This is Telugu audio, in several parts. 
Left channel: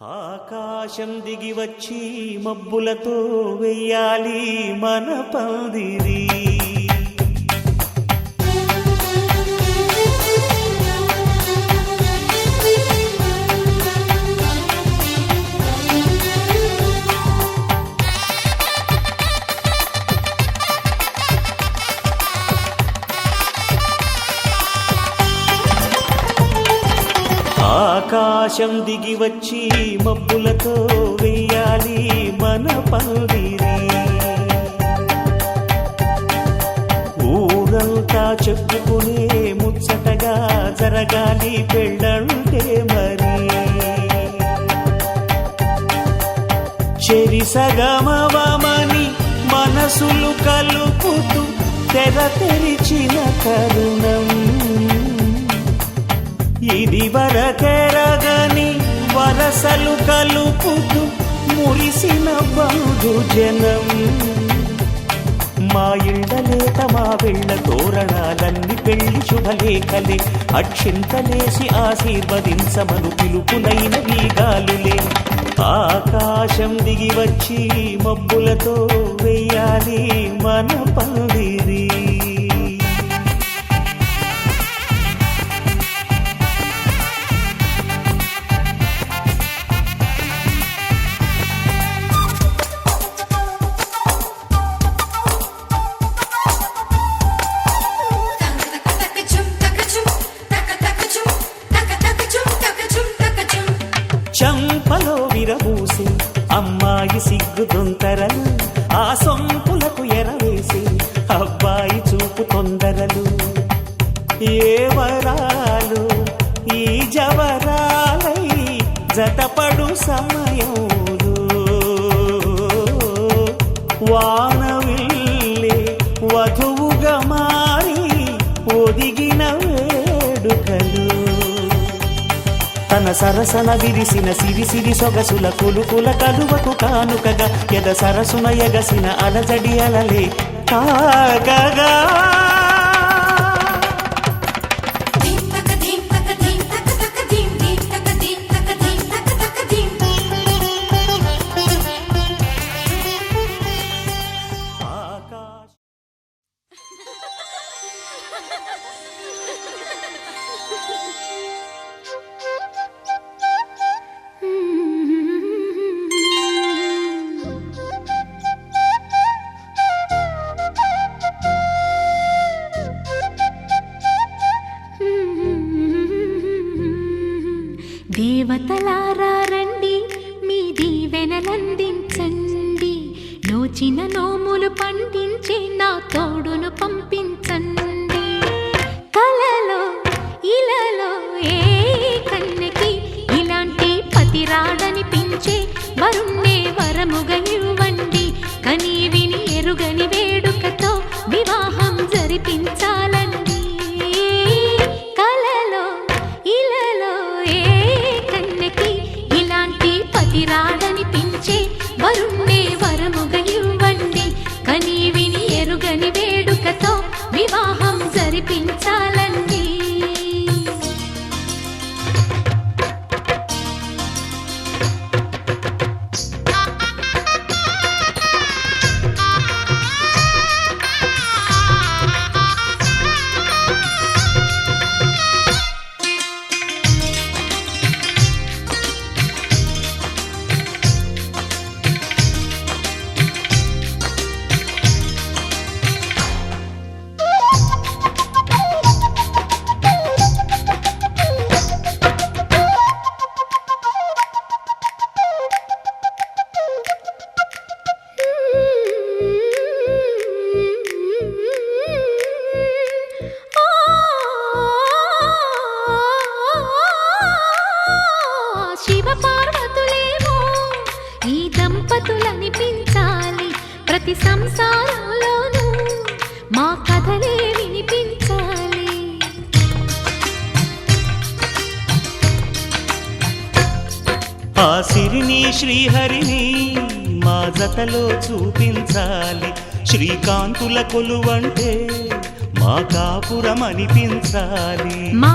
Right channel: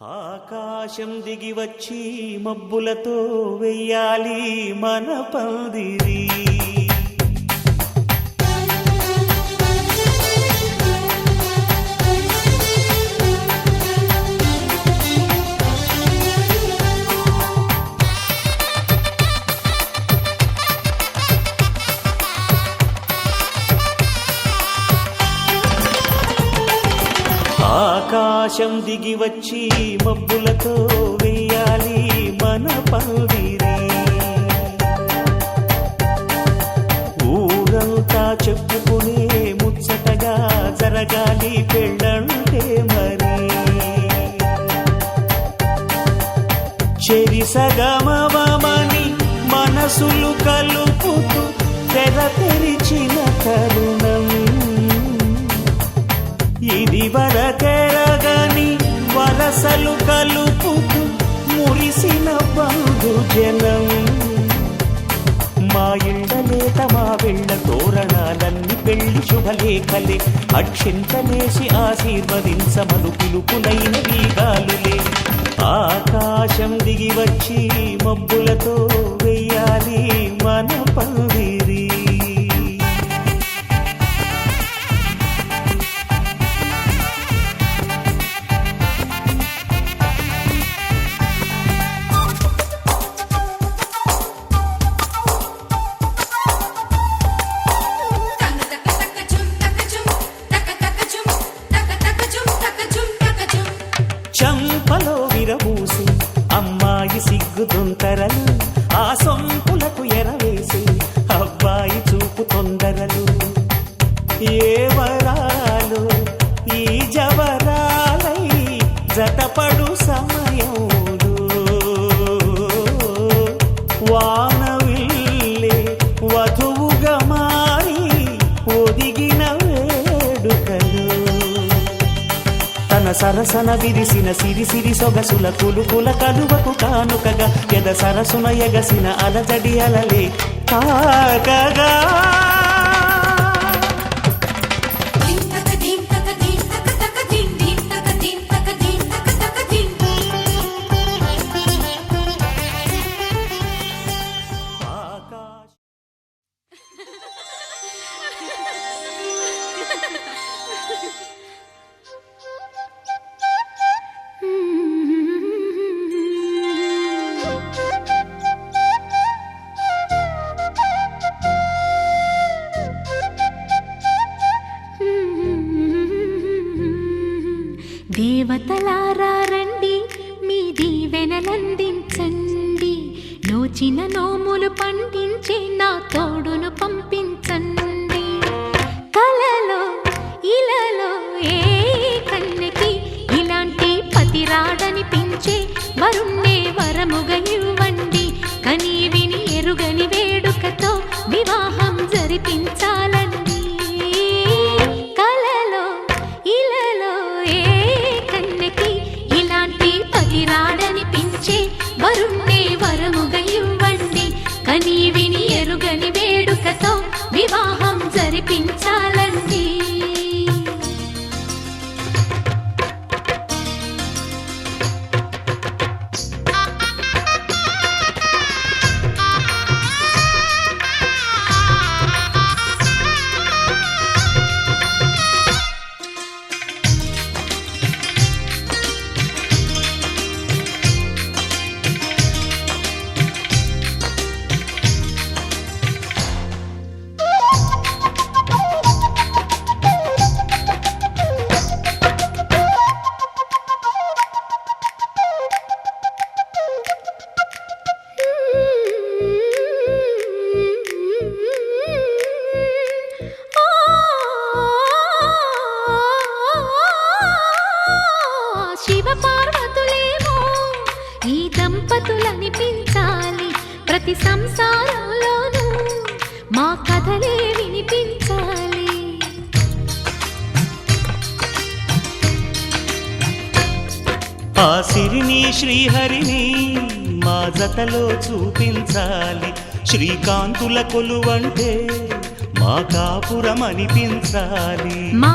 ఆకాశం దిగి వచ్చి మబ్బులతో వెయ్యాలి మన పందిరి. ఆకాశం దిగి వచ్చి మబ్బులతో వెయ్యాలి మన పందిరి. ఊరంతా చెప్పుకునే ముచ్చటగా జరగాలి పెళ్ళంటే మరి. చెరిసగమవమని మనసులు కలుపుతూ తెర తెరిచిన తరుణం ఇది వరకెరగని వరసలు కలుపుతూ మురిసిన బంధుజనం. మా ఇళ్ళలేత మా వెళ్ళ తోరణాలన్నీ పెళ్లి శుభలేఖలే. అక్షింతలేసి ఆశీర్వదించమను పిలుపులైన వీగాలులే. ఆకాశం దిగి వచ్చి మబ్బులతో వెయ్యాలి మన పందిరి. చంపలో విరబూసి అమ్మాయి సిగ్గుదొంతరలు, ఆ సొంపులకు ఎరవేసి అబ్బాయి చూపు తొందరలు. ఏ వరాలు ఈ జవరాలై జతపడు సమయంలో వానవిల్లే వధువుగా మారి ఒదిగిన వేడుకలు. తన సరసన విరిసిన సిరిసిరి సొగసుల కులుకుల కలువకు కానుకగా ఎద సరసున ఎగసిన అలజడి అలలే తాకగా. దేవతలారా రండి, మీ దీవెనలందించండి. నోచిన నోములు పండించే నా తోడును పంపించండి. కలలో ఇలలో ఏ కన్నెకి ఇలాంటి పతిరాడనిపించే వరుణ్ణే వరముగా ఇవ్వండి. కని విని ఎరుగని వేడుకతో వివాహం జరిపించాలండి. వరుణ్ణే వరముగా ఇవ్వండి. కని విని ఎరుగని వేడుకతో వివాహం జరిపించాలండి. శివపార్వతులేమో ఈ దంపతులనిపించాలి. ప్రతి సంసారంలోనూ మా కథలే వినిపించాలి. ఆ సిరిని శ్రీహరిని మా జతలో చూపించాలి. శ్రీకాంతుల కొలువంటే మా కాపురం అనిపించాలి. మా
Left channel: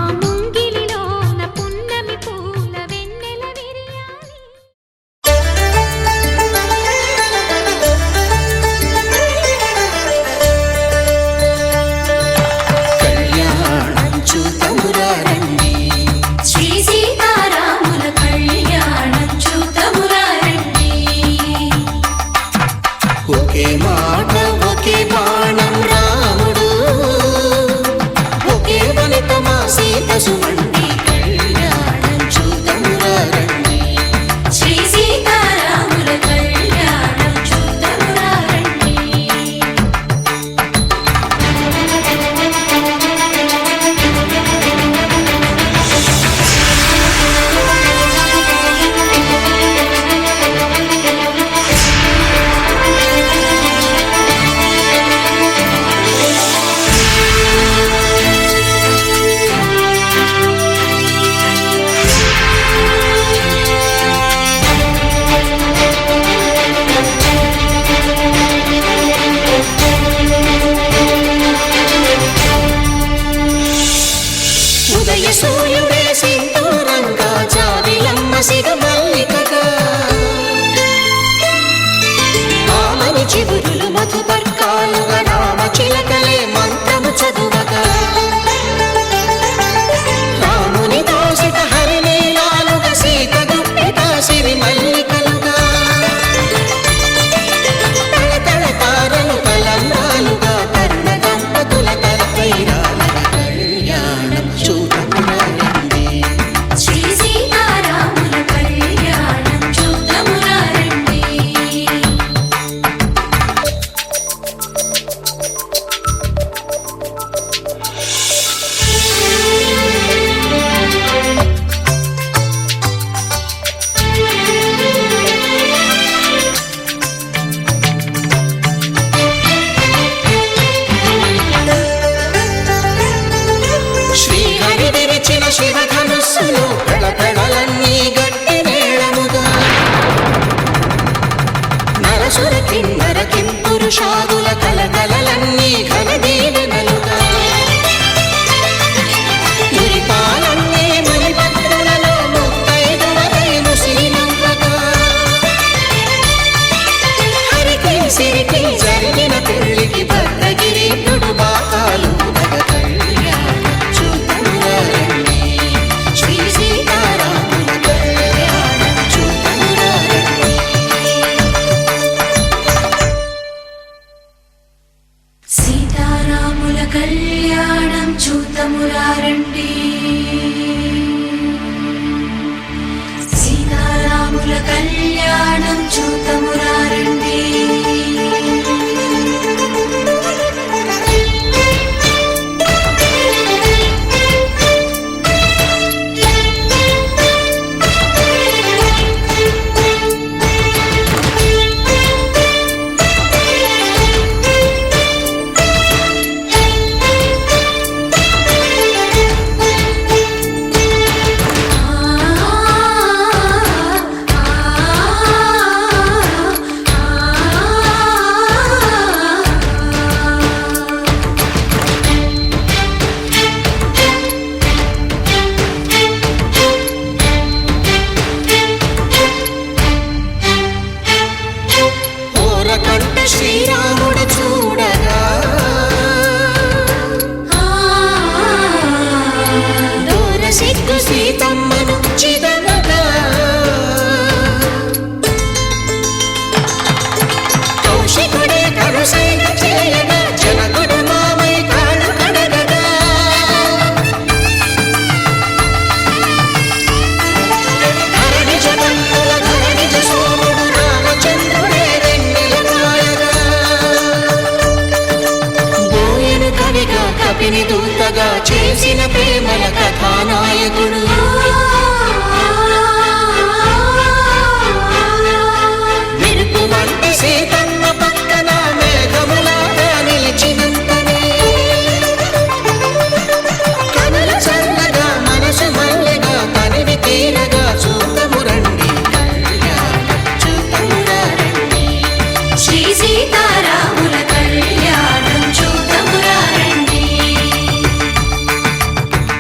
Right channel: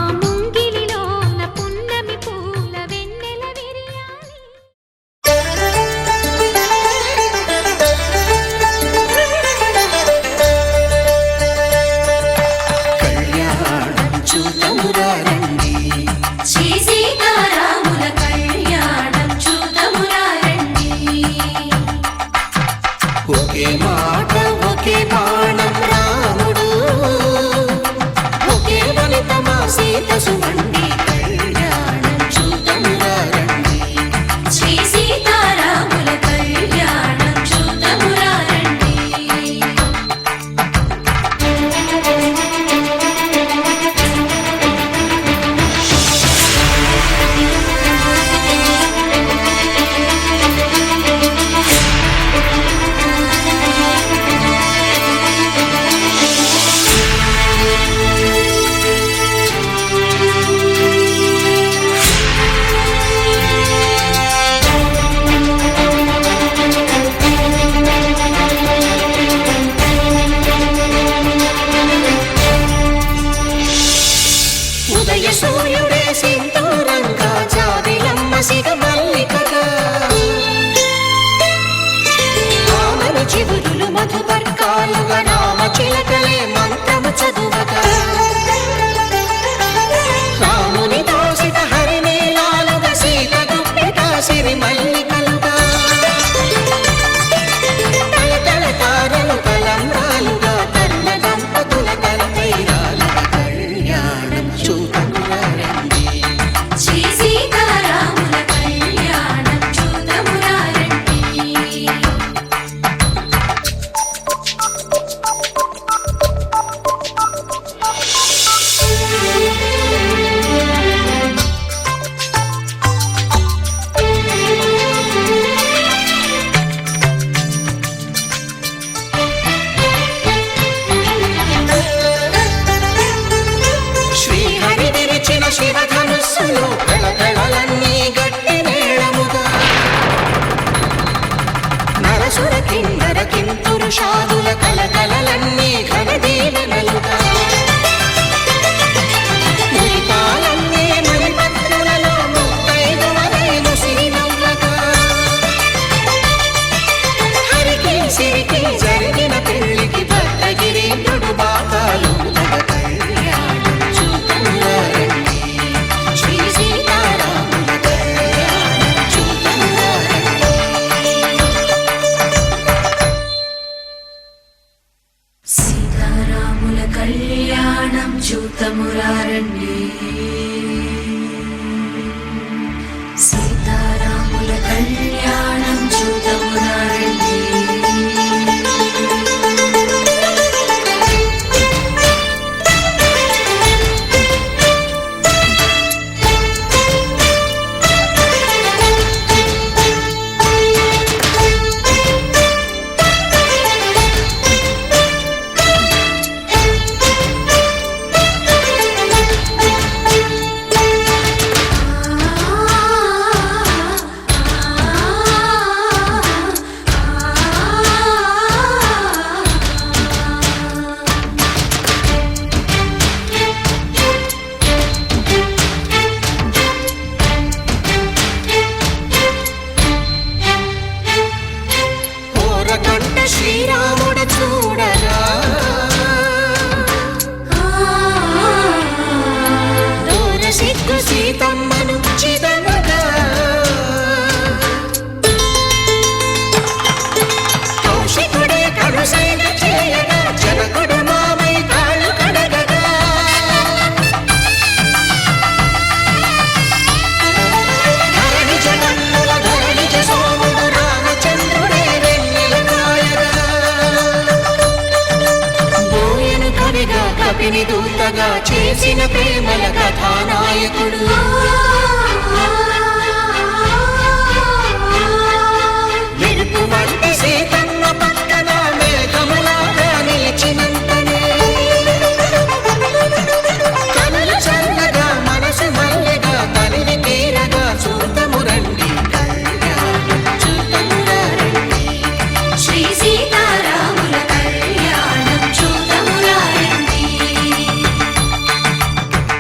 కన్నమ్మ సిగ మల్లికగా ఆమని చిగురులు మధుపర్కాలుగా రామ చిలకలే మంత్రము చదువగా రాముని దోసిట హరినీలాలుగా సీత గుప్పిట సిరి మల్లికలుగా తళతళ తారలు తలంబ్రాలుగా తరుణ దంపతుల తలపైరాలుగా కళ్యాణం చూతమురారండి శ్రీ సీతారాముల కళ్యాణం చూద్దామురా రండి. శ్రీహరి విరిచిన శివధనుస్సులు పెళపెళలన్నీ గట్టి మేళముగా నరసుర కిన్నర కింపురుషాదుల కలకలలన్నీ ఘన దీవెనలుగా మురిపాలన్నీ మునిపత్రులలో ముత్తైదువలై ముసిరి నవ్వగా హరికి సిరికి జరిగిన పెళ్లికి భద్రగిరీంద్రుడు బాకాలు కళ్యాణం చూతమురారండి శ్రీ సీతారాముల కళ్యాణం చూతమురారండి సీతారాముల కళ్యాణం చూద్దామురా రండి. సీతారాముల కళ్యాణం చూద్దామురా రండి. ఓరకంట శ్రీరాముడు చూడగా దూర సిగ్గు సీతమ్మను చిదమగా కౌశికుడే కరుసైన చేయగా జనకుడు మామై కాళ్ళు కడగగా ధరణి జగన్నుల ధరణిజ సోముడు రామచంద్రుడే వెన్నెల కాయగా బోయను కవిగా కపిని దూతగా చేసిన ప్రేమల కథానాయకుడు మెరుపు వంటి సీతమ్మ పక్కన మేఘములాగా నిలిచినంతనే కనులు చల్లగా మనసు మల్లెగా తనివి తీరగా చూతమురండి కళ్యాణం చూతమురారండి శ్రీ సీతారాముల కళ్యాణం చూద్దామురా రండి.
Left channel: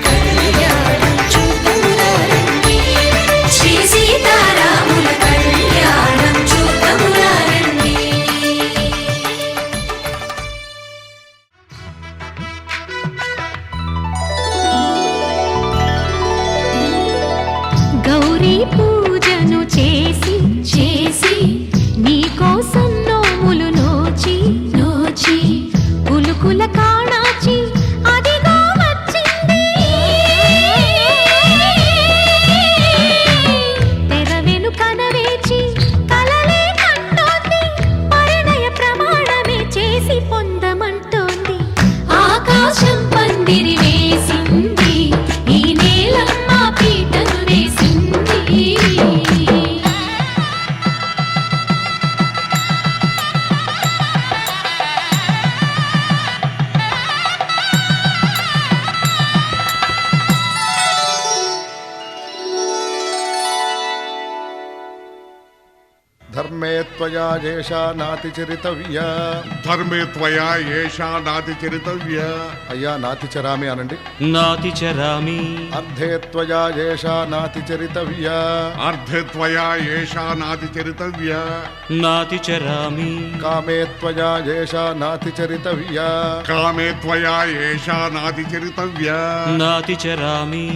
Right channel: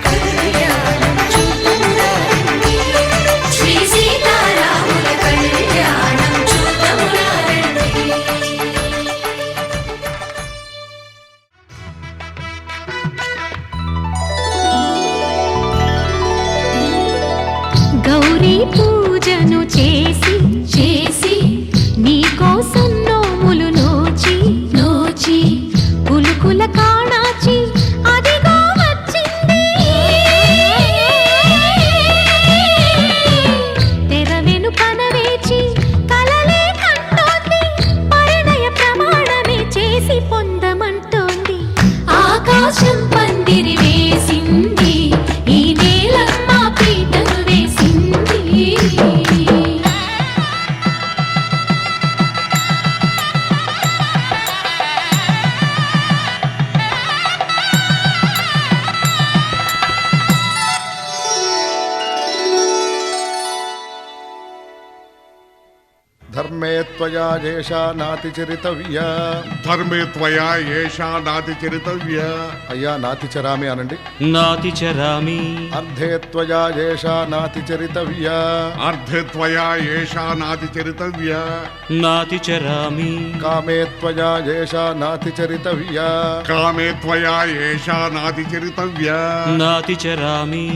కళ్యాణం చూతమురారండి ధర్మే త్వయా ఏషా నాతిచరితవ్యా. ధర్మే త్వయా ఏషా నాతిచరితవ్య. అయ్యా నాతిచరామి అనండి. నాతిచరామి. అర్ధే త్వయా ఏషా నాతిచరితవ్యా. అర్ధే త్వయా ఏషా నాతిచరితవ్య. నాతిచరామి. కామే త్వయా ఏషా నాతిచరితవ్యా. కామే త్వయా ఏషా నాతిచరితవ్య. నాతిచరామి.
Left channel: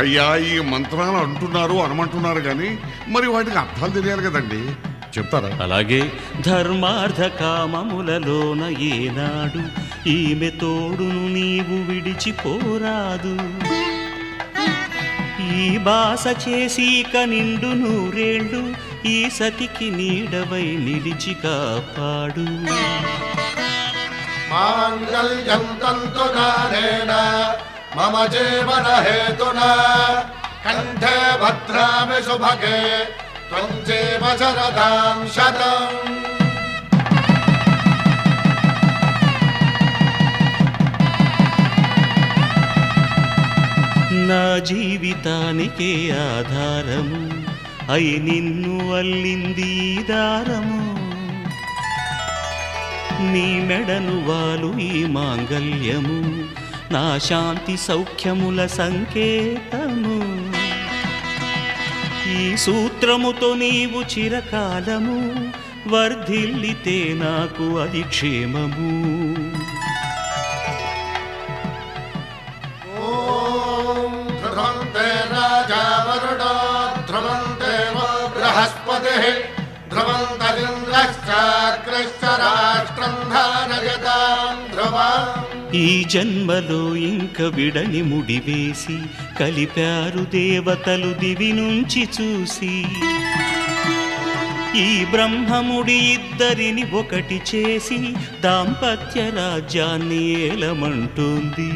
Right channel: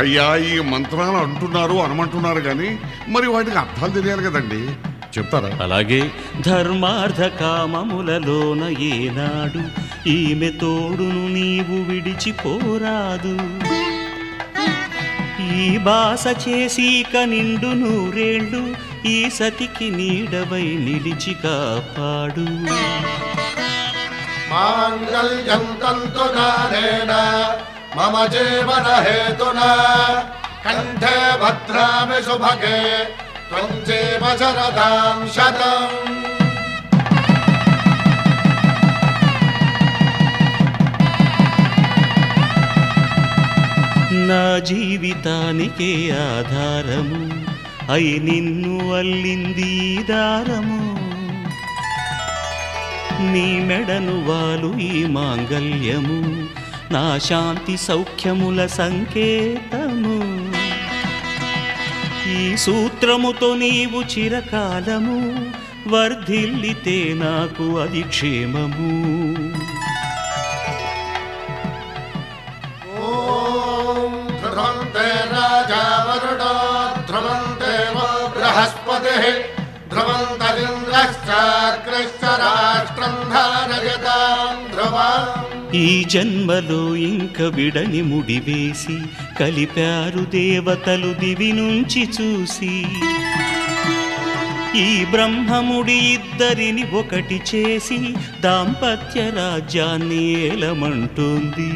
అయ్యా ఈ మంత్రాలు అంటున్నారు అనమంటున్నారు కానీ మరి వాటికి అర్థాలు తెలియాలి కదండి, చెప్తారా? అలాగే ధర్మార్థ కామములలోన ఏనాడు ఈమె తోడును నీవు విడిచిపోరాదు. ఈ బాస చేసి కనిండు నూరేళ్ళు ఈ సతికి నీడవై నిలిచి కాపాడు. మాంగళ్యం తంతునానేన మమ జీవన హేతునా కంఠే భద్రామి శుభగే త్వం జీవ శరదాం శతం. నా జీవితానికే ఆధారము అయి నిన్ను అల్లింది ఈ దారము. నీ మెడను వాలు ఈ మాంగల్యము నా శాంతి సౌఖ్యముల సంకేతము. ఈ సూత్రముతో నీవు చిరకాలము వర్ధిల్లితే నాకు అది క్షేమము. ఓం ధ్రువంతే రాజా వరుణో ధ్రువంతే బృహస్పతిః ధ్రువంతరింద్రశ్చాగ్రశ్చ రాష్ట్రం ధారయతాం ధ్రువం. ఈ జన్మలో ఇంక విడని ముడివేసి కలిపారు దేవతలు దివి నుంచి చూసి. ఈ బ్రహ్మముడి ఇద్దరిని ఒకటి చేసి దాంపత్య రాజ్యాన్ని ఏలమంటుంది.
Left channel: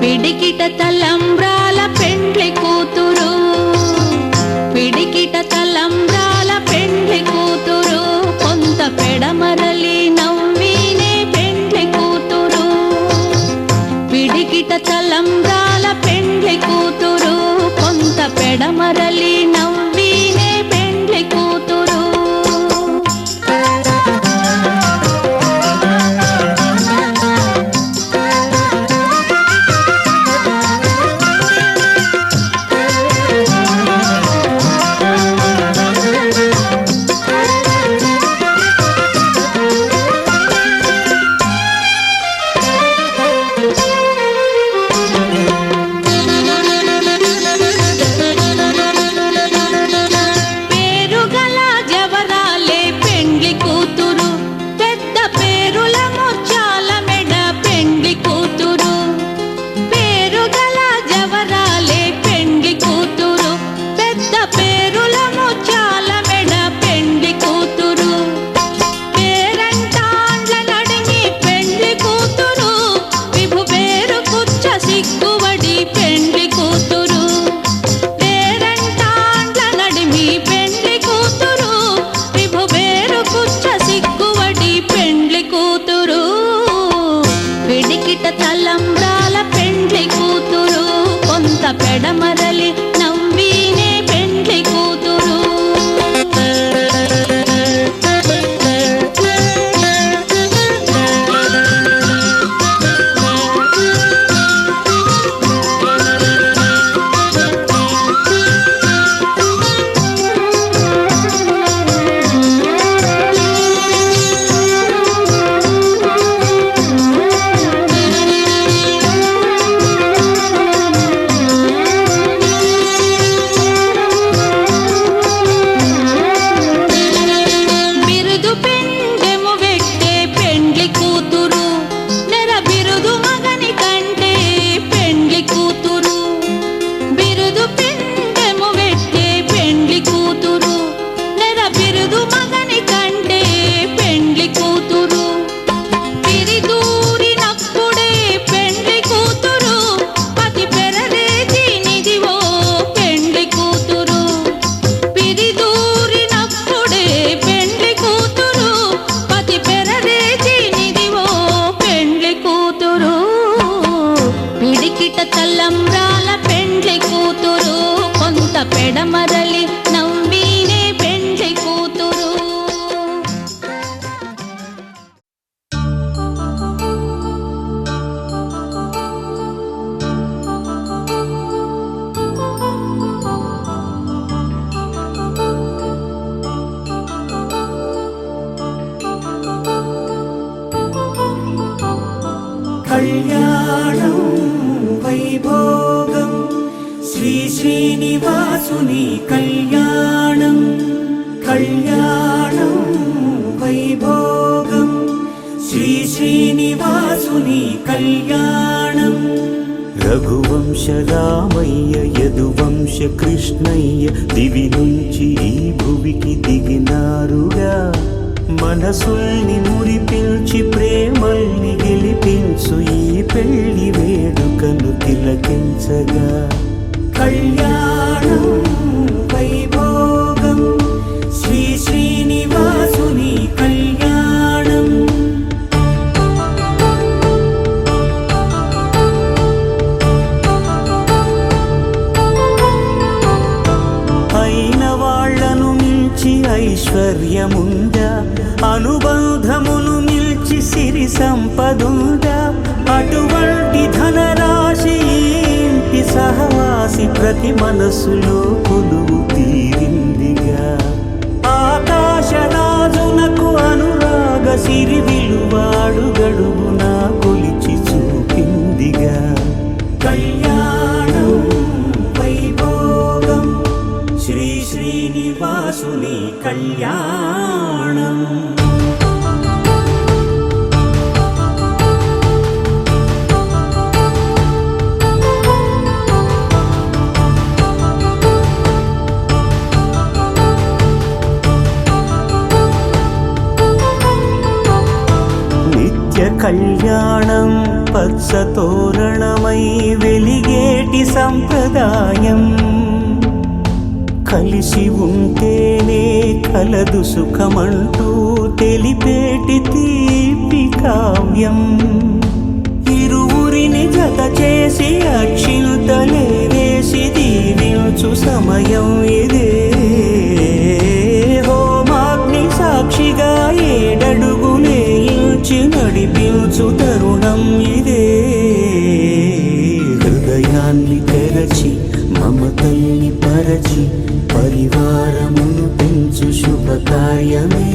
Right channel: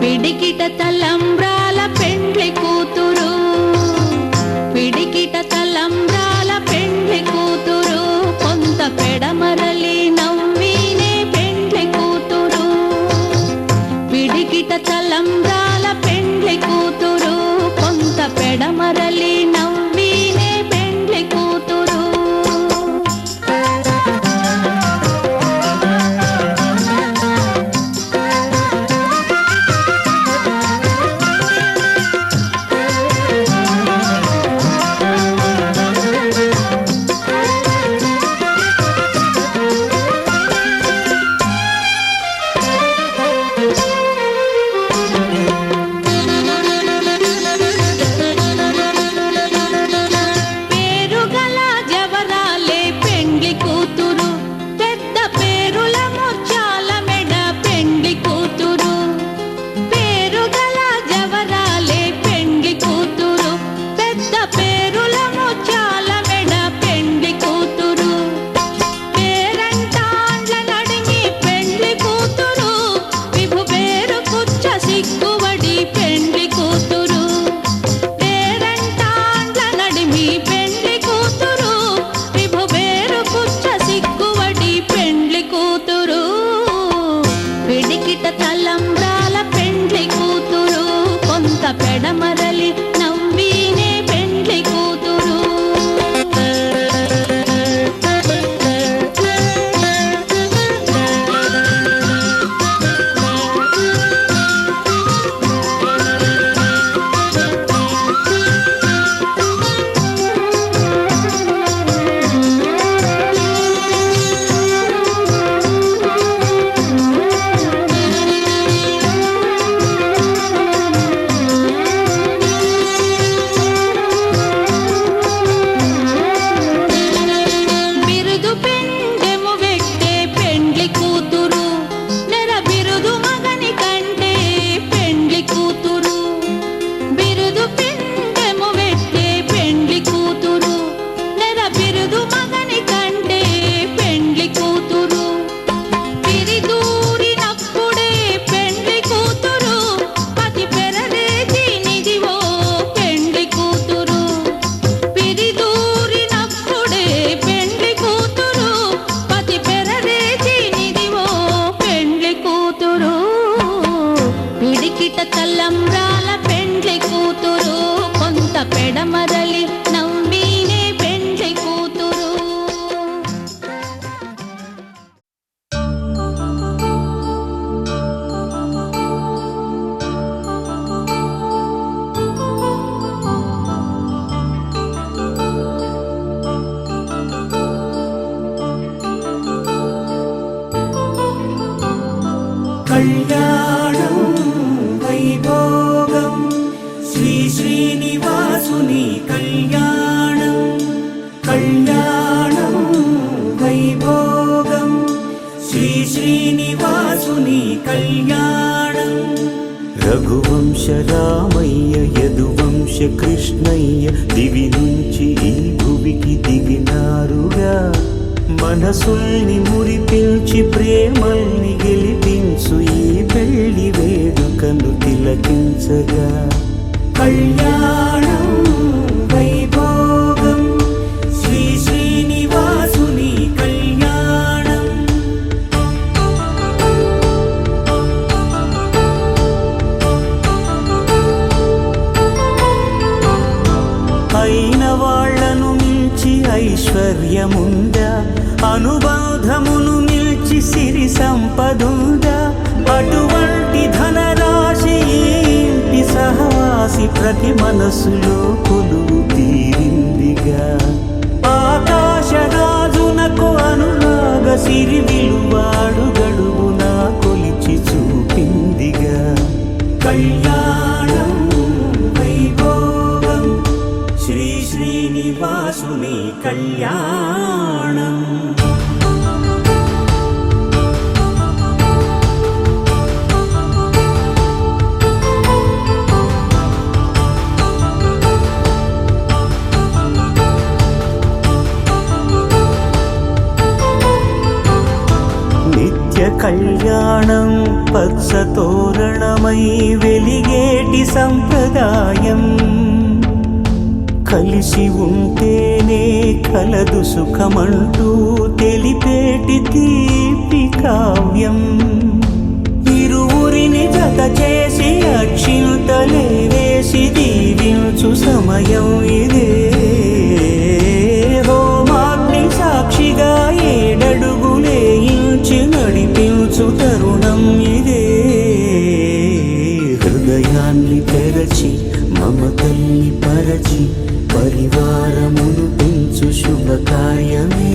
పిడికిట తలంబ్రాల పెండ్లి కూతురు, పిడికిట తలంబ్రాల పెండ్లి కూతురు, కొంత పెడమరలి నవ్వినే పెండ్లి కూతురు. పిడికిట తలంబ్రాల పెండ్లి కూతురు, కొంత పెడమరలి నవ్వినే పెండ్లి కూతురు. పెడమరలి నవ్వినే పెండ్లి కూతురు. పిడికిట తలంబ్రాల పెండ్లి కూతురు కొంత పెడమరలి నవ్వీనే పెండ్లి కూతురు. కళ్యాణం వైభోగం శ్రీ శ్రీనివాసుని కళ్యాణం. కళ్యాణం వైభోగం శ్రీ శ్రీనివాసుని కళ్యాణం. రఘువంశ రామయ్య యదువంశ కృష్ణయ్య దివి నుంచి ఈ భువికి దిగినారుగా. మనసుల్ని మురిపించి ప్రేమల్ని గెలిపించు ఈ పెళ్లి వేడుకను తిలకించగా. కళ్యాణం వైభోగం శ్రీ శ్రీనివాసుని కళ్యాణం. అయిన వాళ్లను మించి ఐశ్వర్యముందా, అనుబంధమును మిల్చి సిరి సంపదుందా. అటువంటి ధనరాశి ఇంటి సహవాసి ప్రతి మనసులో కొలువు తీరిందిగా. ఆకాశరాజునకు అనురాగ సిరి విలువాడు గడువునా కొలిచి చూపిందిగా. కళ్యాణం వైభోగం శ్రీ శ్రీనివాసుని కళ్యాణం. నిత్య కళ్యాణం పచ్చ తోరణమై వెలిగేటి సంప్రదాయం. కలిసి ఉంటేనే కలదు సుఖమంటూ తెలిపేటి తీపి కావ్యం. ఇరువురిని జత చేసి అక్షింతలే వేసి దీవించు సమయం ఇదే. హోమాగ్ని సాక్షిగా ఏడడుగులే ఇంచి నడిపించు తరుణం ఇదే. హృదయాన్ని తెరచి మమతల్ని పరచి పరివారమును పెంచు శుభకార్యమే.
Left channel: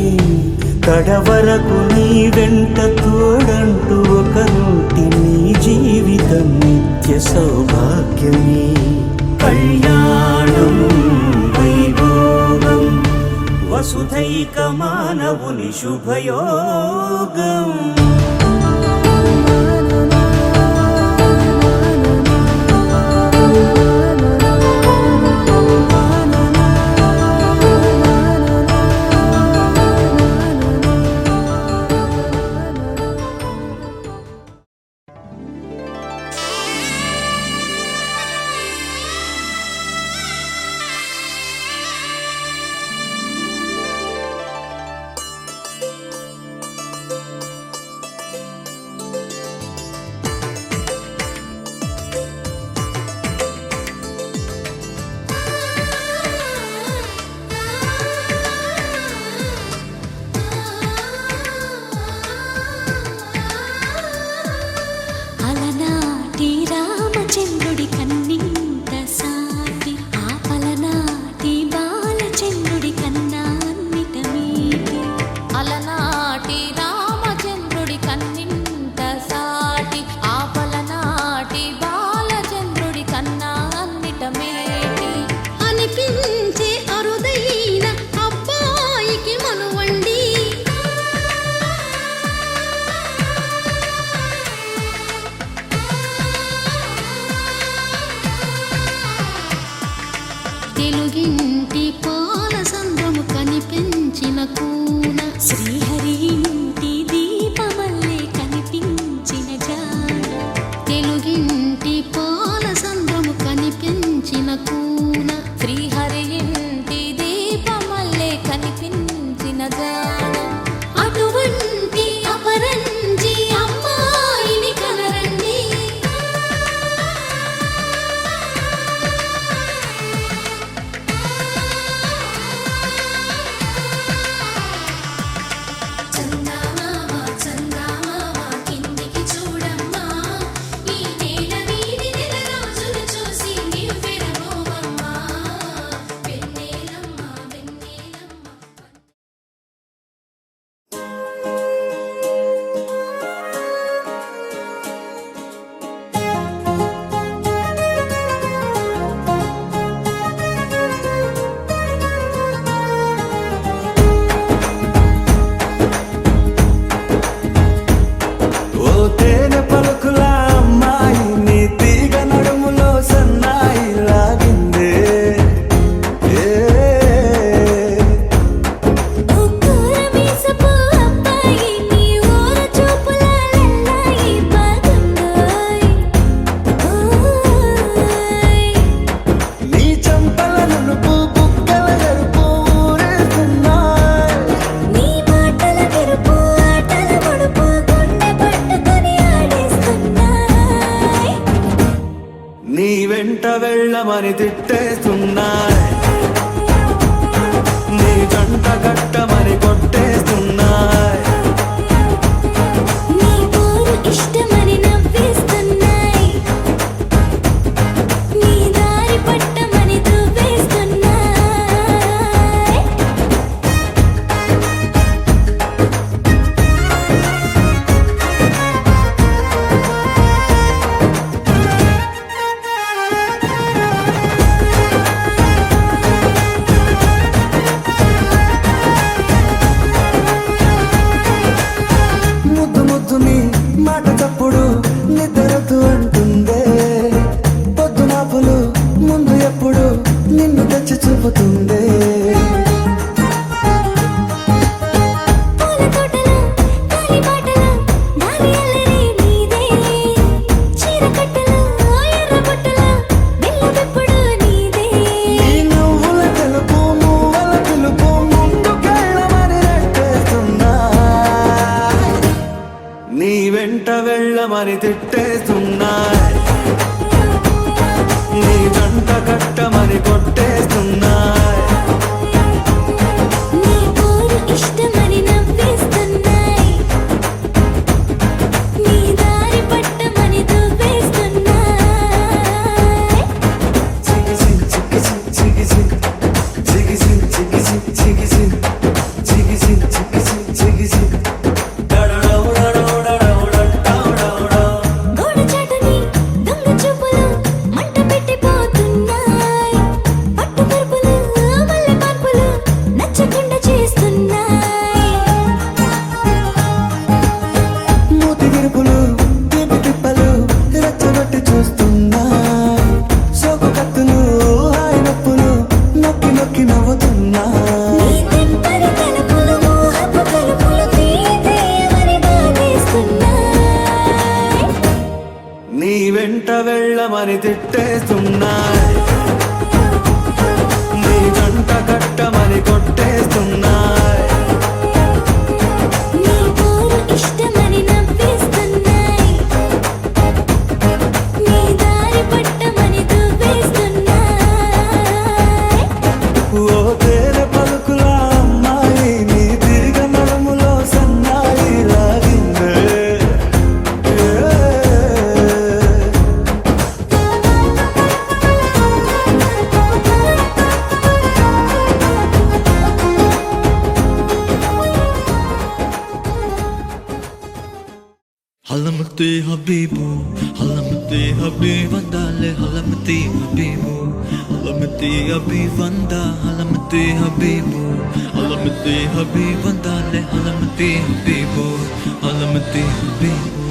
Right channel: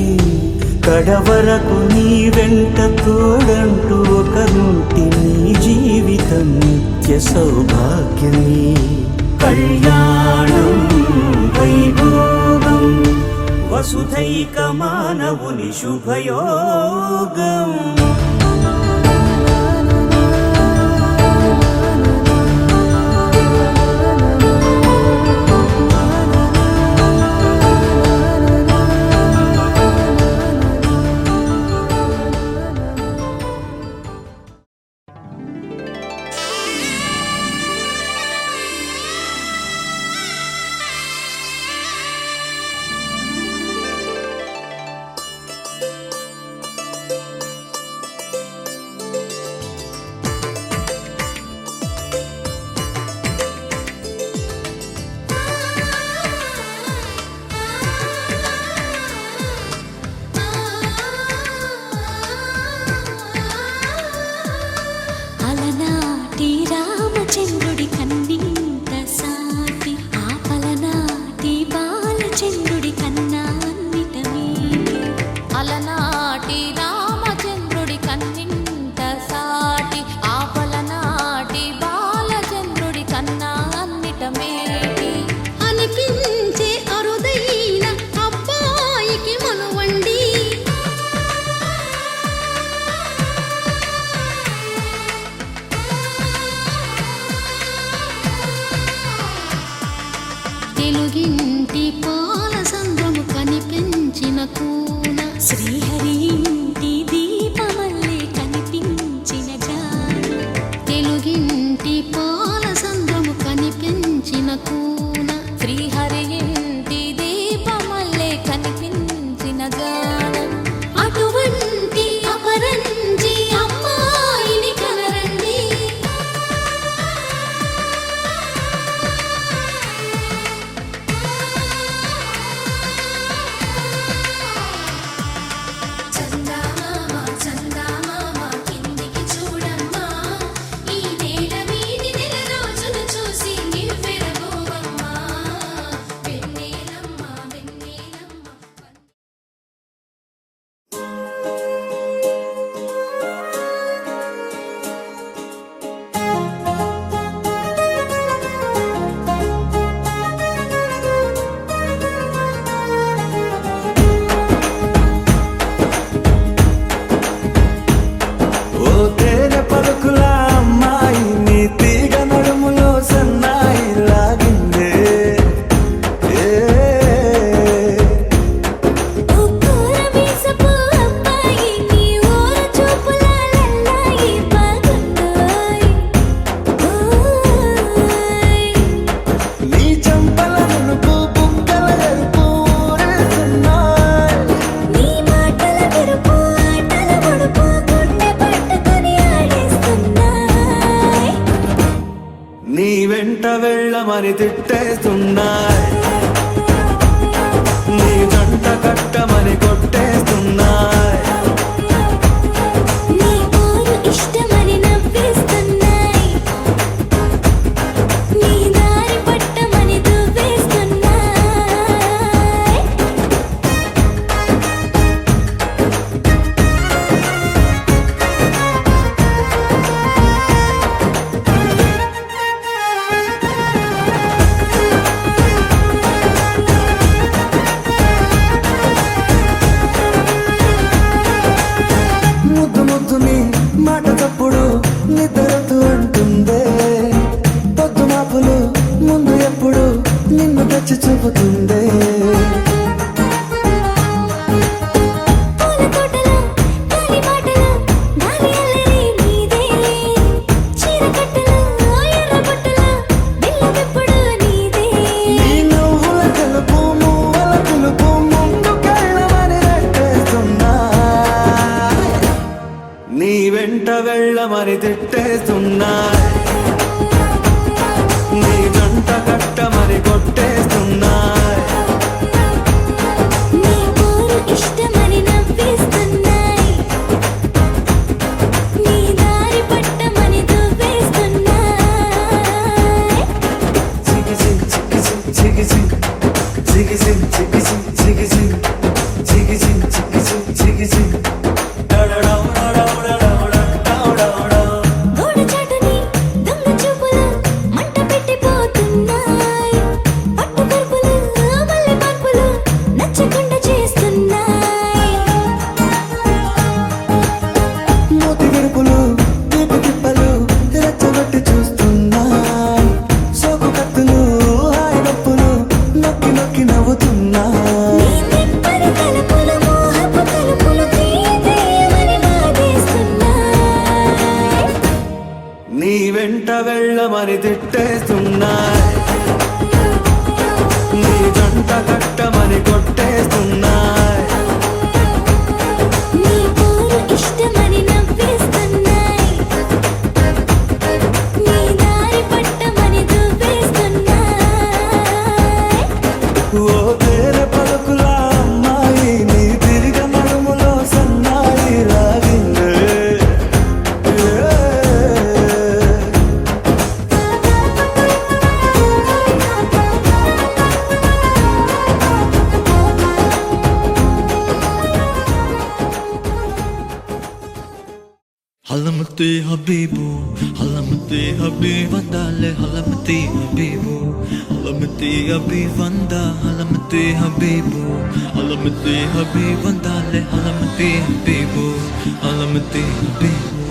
కడవరకు నీ వెంట తోడంటూ ఒకరుంటి నీ జీవితం నిత్య సౌభాగ్యమే. కళ్యాణం వైభోగం వసుధైక మానవుని శుభయోగం. అలనాటి రామచంద్రుడి కన్నింత సాటి ఆపలనాటి బాలచంద్రుడి కన్నా అన్నిట మీటి. అలనాటి రామచంద్రుడి కన్నింత సాటి ఆపలనాటి బాలచంద్రుడి కన్నా అన్నిట మేటి. అనిపించే అరుదైన అబ్బాయికి మనువండి. తెలుగింటి పాల సంద్రము కనిపించిన కూన శ్రీహరి ఇంటి దీపమల్లే కనిపించిన జాడ. తెలుగింటి పాల సంద్రము కనిపించిన కూన శ్రీహరి ఇంటి దీపమల్లే కనిపించిన జాడ. అటువంటి అపరంజి అమ్మాయిని కనరండి. వెంట వెళ్ళమని తిట్టేస్తున్నాయి, నీ జంట కట్టమని కొట్టేస్తున్నాయి. నీ పోరు ఇష్టమని నవ్వేస్తున్నాయి, నీ దారి పట్టమని దువ్వేస్తున్నాయి. ముద్దు ముద్దుని మాట తప్పుడు నిద్రతూ అంటుందే, పొద్దు మాపులు ముందు ఎప్పుడు నిన్ను తెచ్చి చూపుతుందే. పూల తోటలో గాలి బాటలో గాలి అల్లరి నీదేలే, చీర కట్టలో ఎర్ర బుట్టలో బిల్లబెప్పుడు నీదే. నీ నువ్వుల తెలుపు మువ్వల పిలుపు ముందుకెళ్ళమని నెట్టేస్తున్నా, నీ వెంట వెళ్ళమని తిట్టేస్తున్నాయి, నీ జంట కట్టమని కొట్టేస్తున్నాయి. నీ పోరు ఇష్టమని నవ్వేస్తున్నాయి, నీ దారి పట్టమని దువ్వేస్తున్నాయి. గోడ చాటుని దొంగ చూపులు మంట పెట్టిపోతున్నాయి, పట్టు పరుపులు మల్లె మార్పులు నచ్చకుండా చేస్తున్నాయి. మూతి విరుపులు తీపి తిప్పలు రెచ్చగొట్టి చూస్తున్నాయి, సోకు కత్తులు హాయి నొప్పులు నొక్కి నొక్కి నవ్వుతున్నాయి. నీ తెప్పని తలుపులు మోహపు తలుపులు తీయమని బాధేస్తున్నాయి. నీ వెంట వెళ్ళమని తిట్టేస్తున్నాయి, నీ జంట కట్టమని కొట్టేస్తున్నాయి. నీ పోరు ఇష్టమని నవ్వేస్తున్నాయి, నీ దారి పట్టమని దువ్వేస్తున్నాయి. ఓ తేనె పలుకుల అమ్మాయి నీ తిరిగ నడుములో సన్నాయి లాగిందే. Halamati Habibu, Halamati Habibandale, Halamati Habibu, Halamati Habibanda, Halamati Habibu, Halamati Habibandale, Halamati Habibu, Halamati Habibu.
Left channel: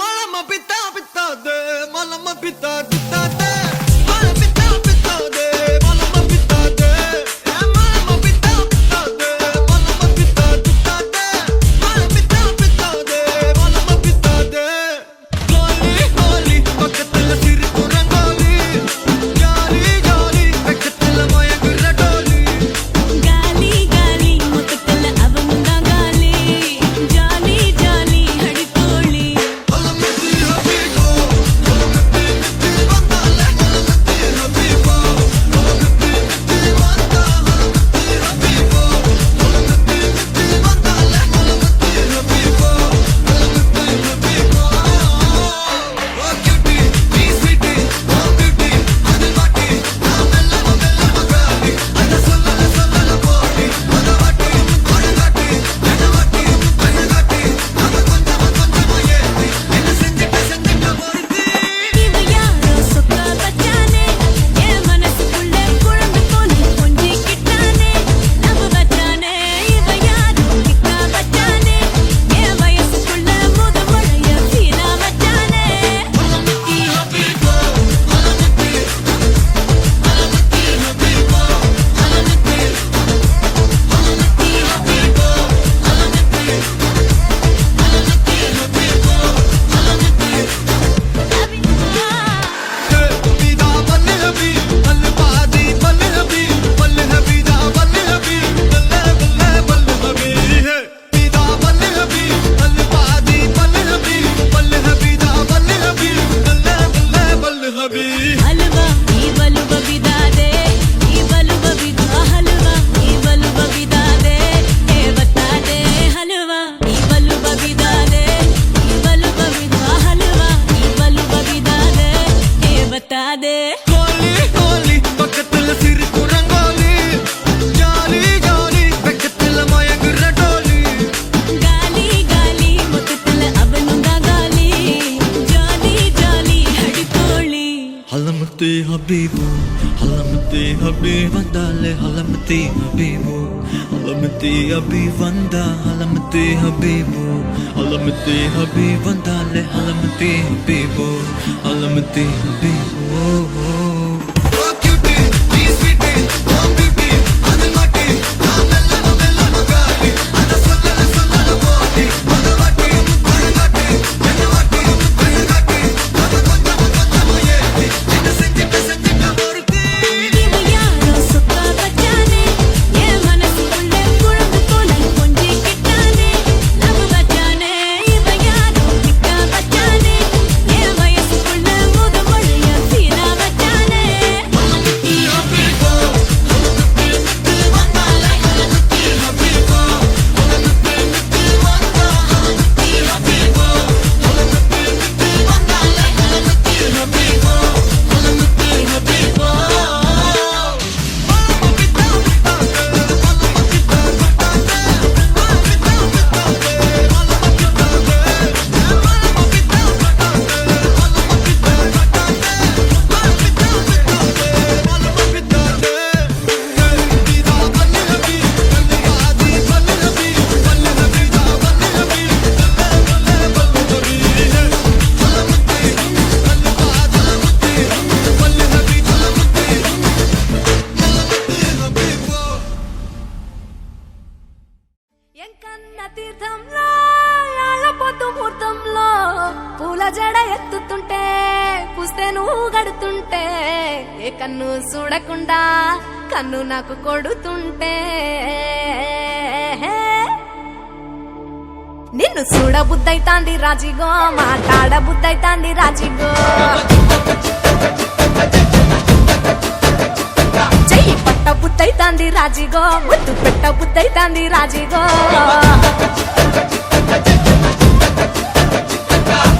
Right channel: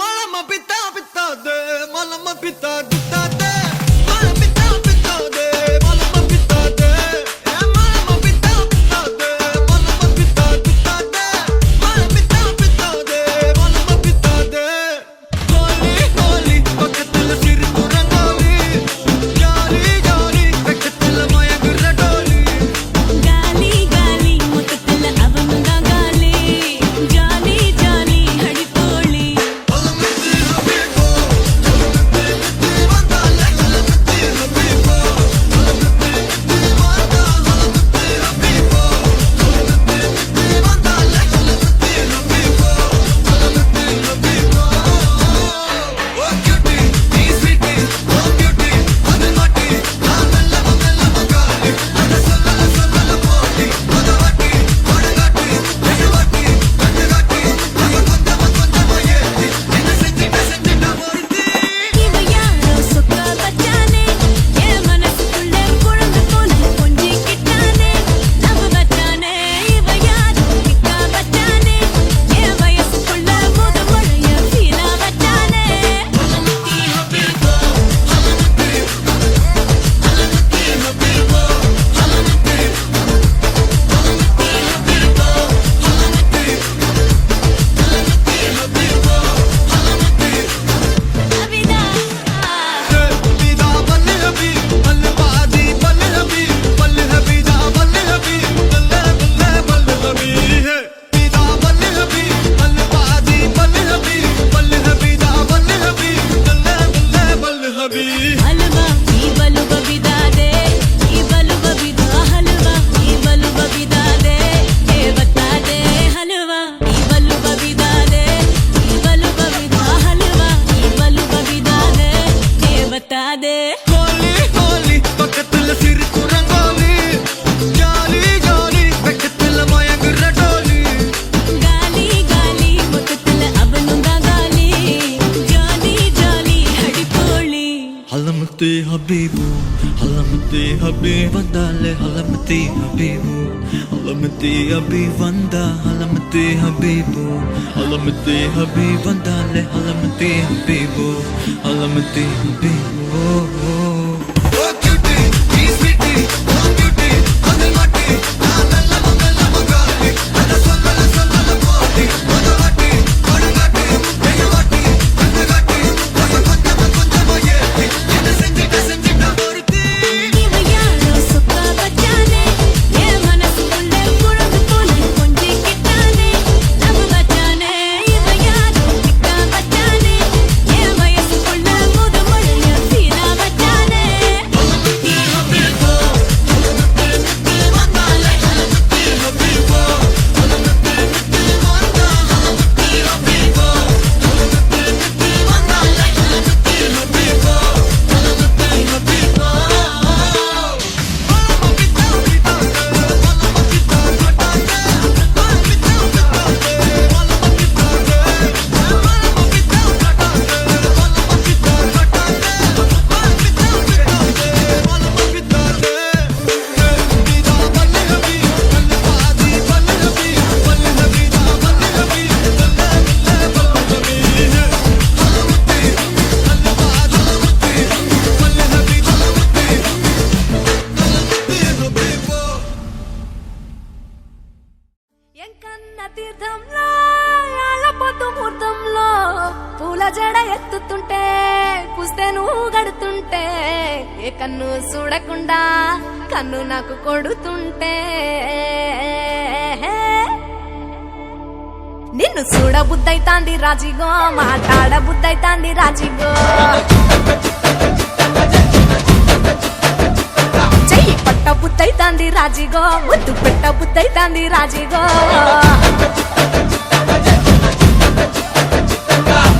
Malama pita pita de, malama pita pita de, malama pita pita de. halamati habibu, halamati habibandale, halamati habibu, halamati habibanda, halamati habibu, halamati habibandale, halamati habibu, halamati habibu. ఇవ యారో సుక్క బచ్చానే ఏ మనసుకుళ్ళే పురుగు పోలై పొంజి కిట్టానే లవ్ బచ్చానే ఇవ యారో కిక్క బచ్చానే ఏ వయసుకుళ్ళే ముదుమొళయ ఫీనా బచ్చానే ఎంకన్న తీర్థంలో యాళ్ళపోతు ముహూర్తంలో పూల జడ ఎత్తుతుంటే పుస్తే నువ్వు గడుతుంటే ఏ కన్ను చూడకుండా కన్ను నాకు కొడుతుంటే నిన్ను చూడ బుద్ధైతాంది రాజిగో మాట్లాడ బుద్ధైతాంది రాజిగో చెయ్యి పట్ట బుద్ధైతాంది రాజిగో ముద్దు పెట్ట బుద్ధైతాంది రాజిగో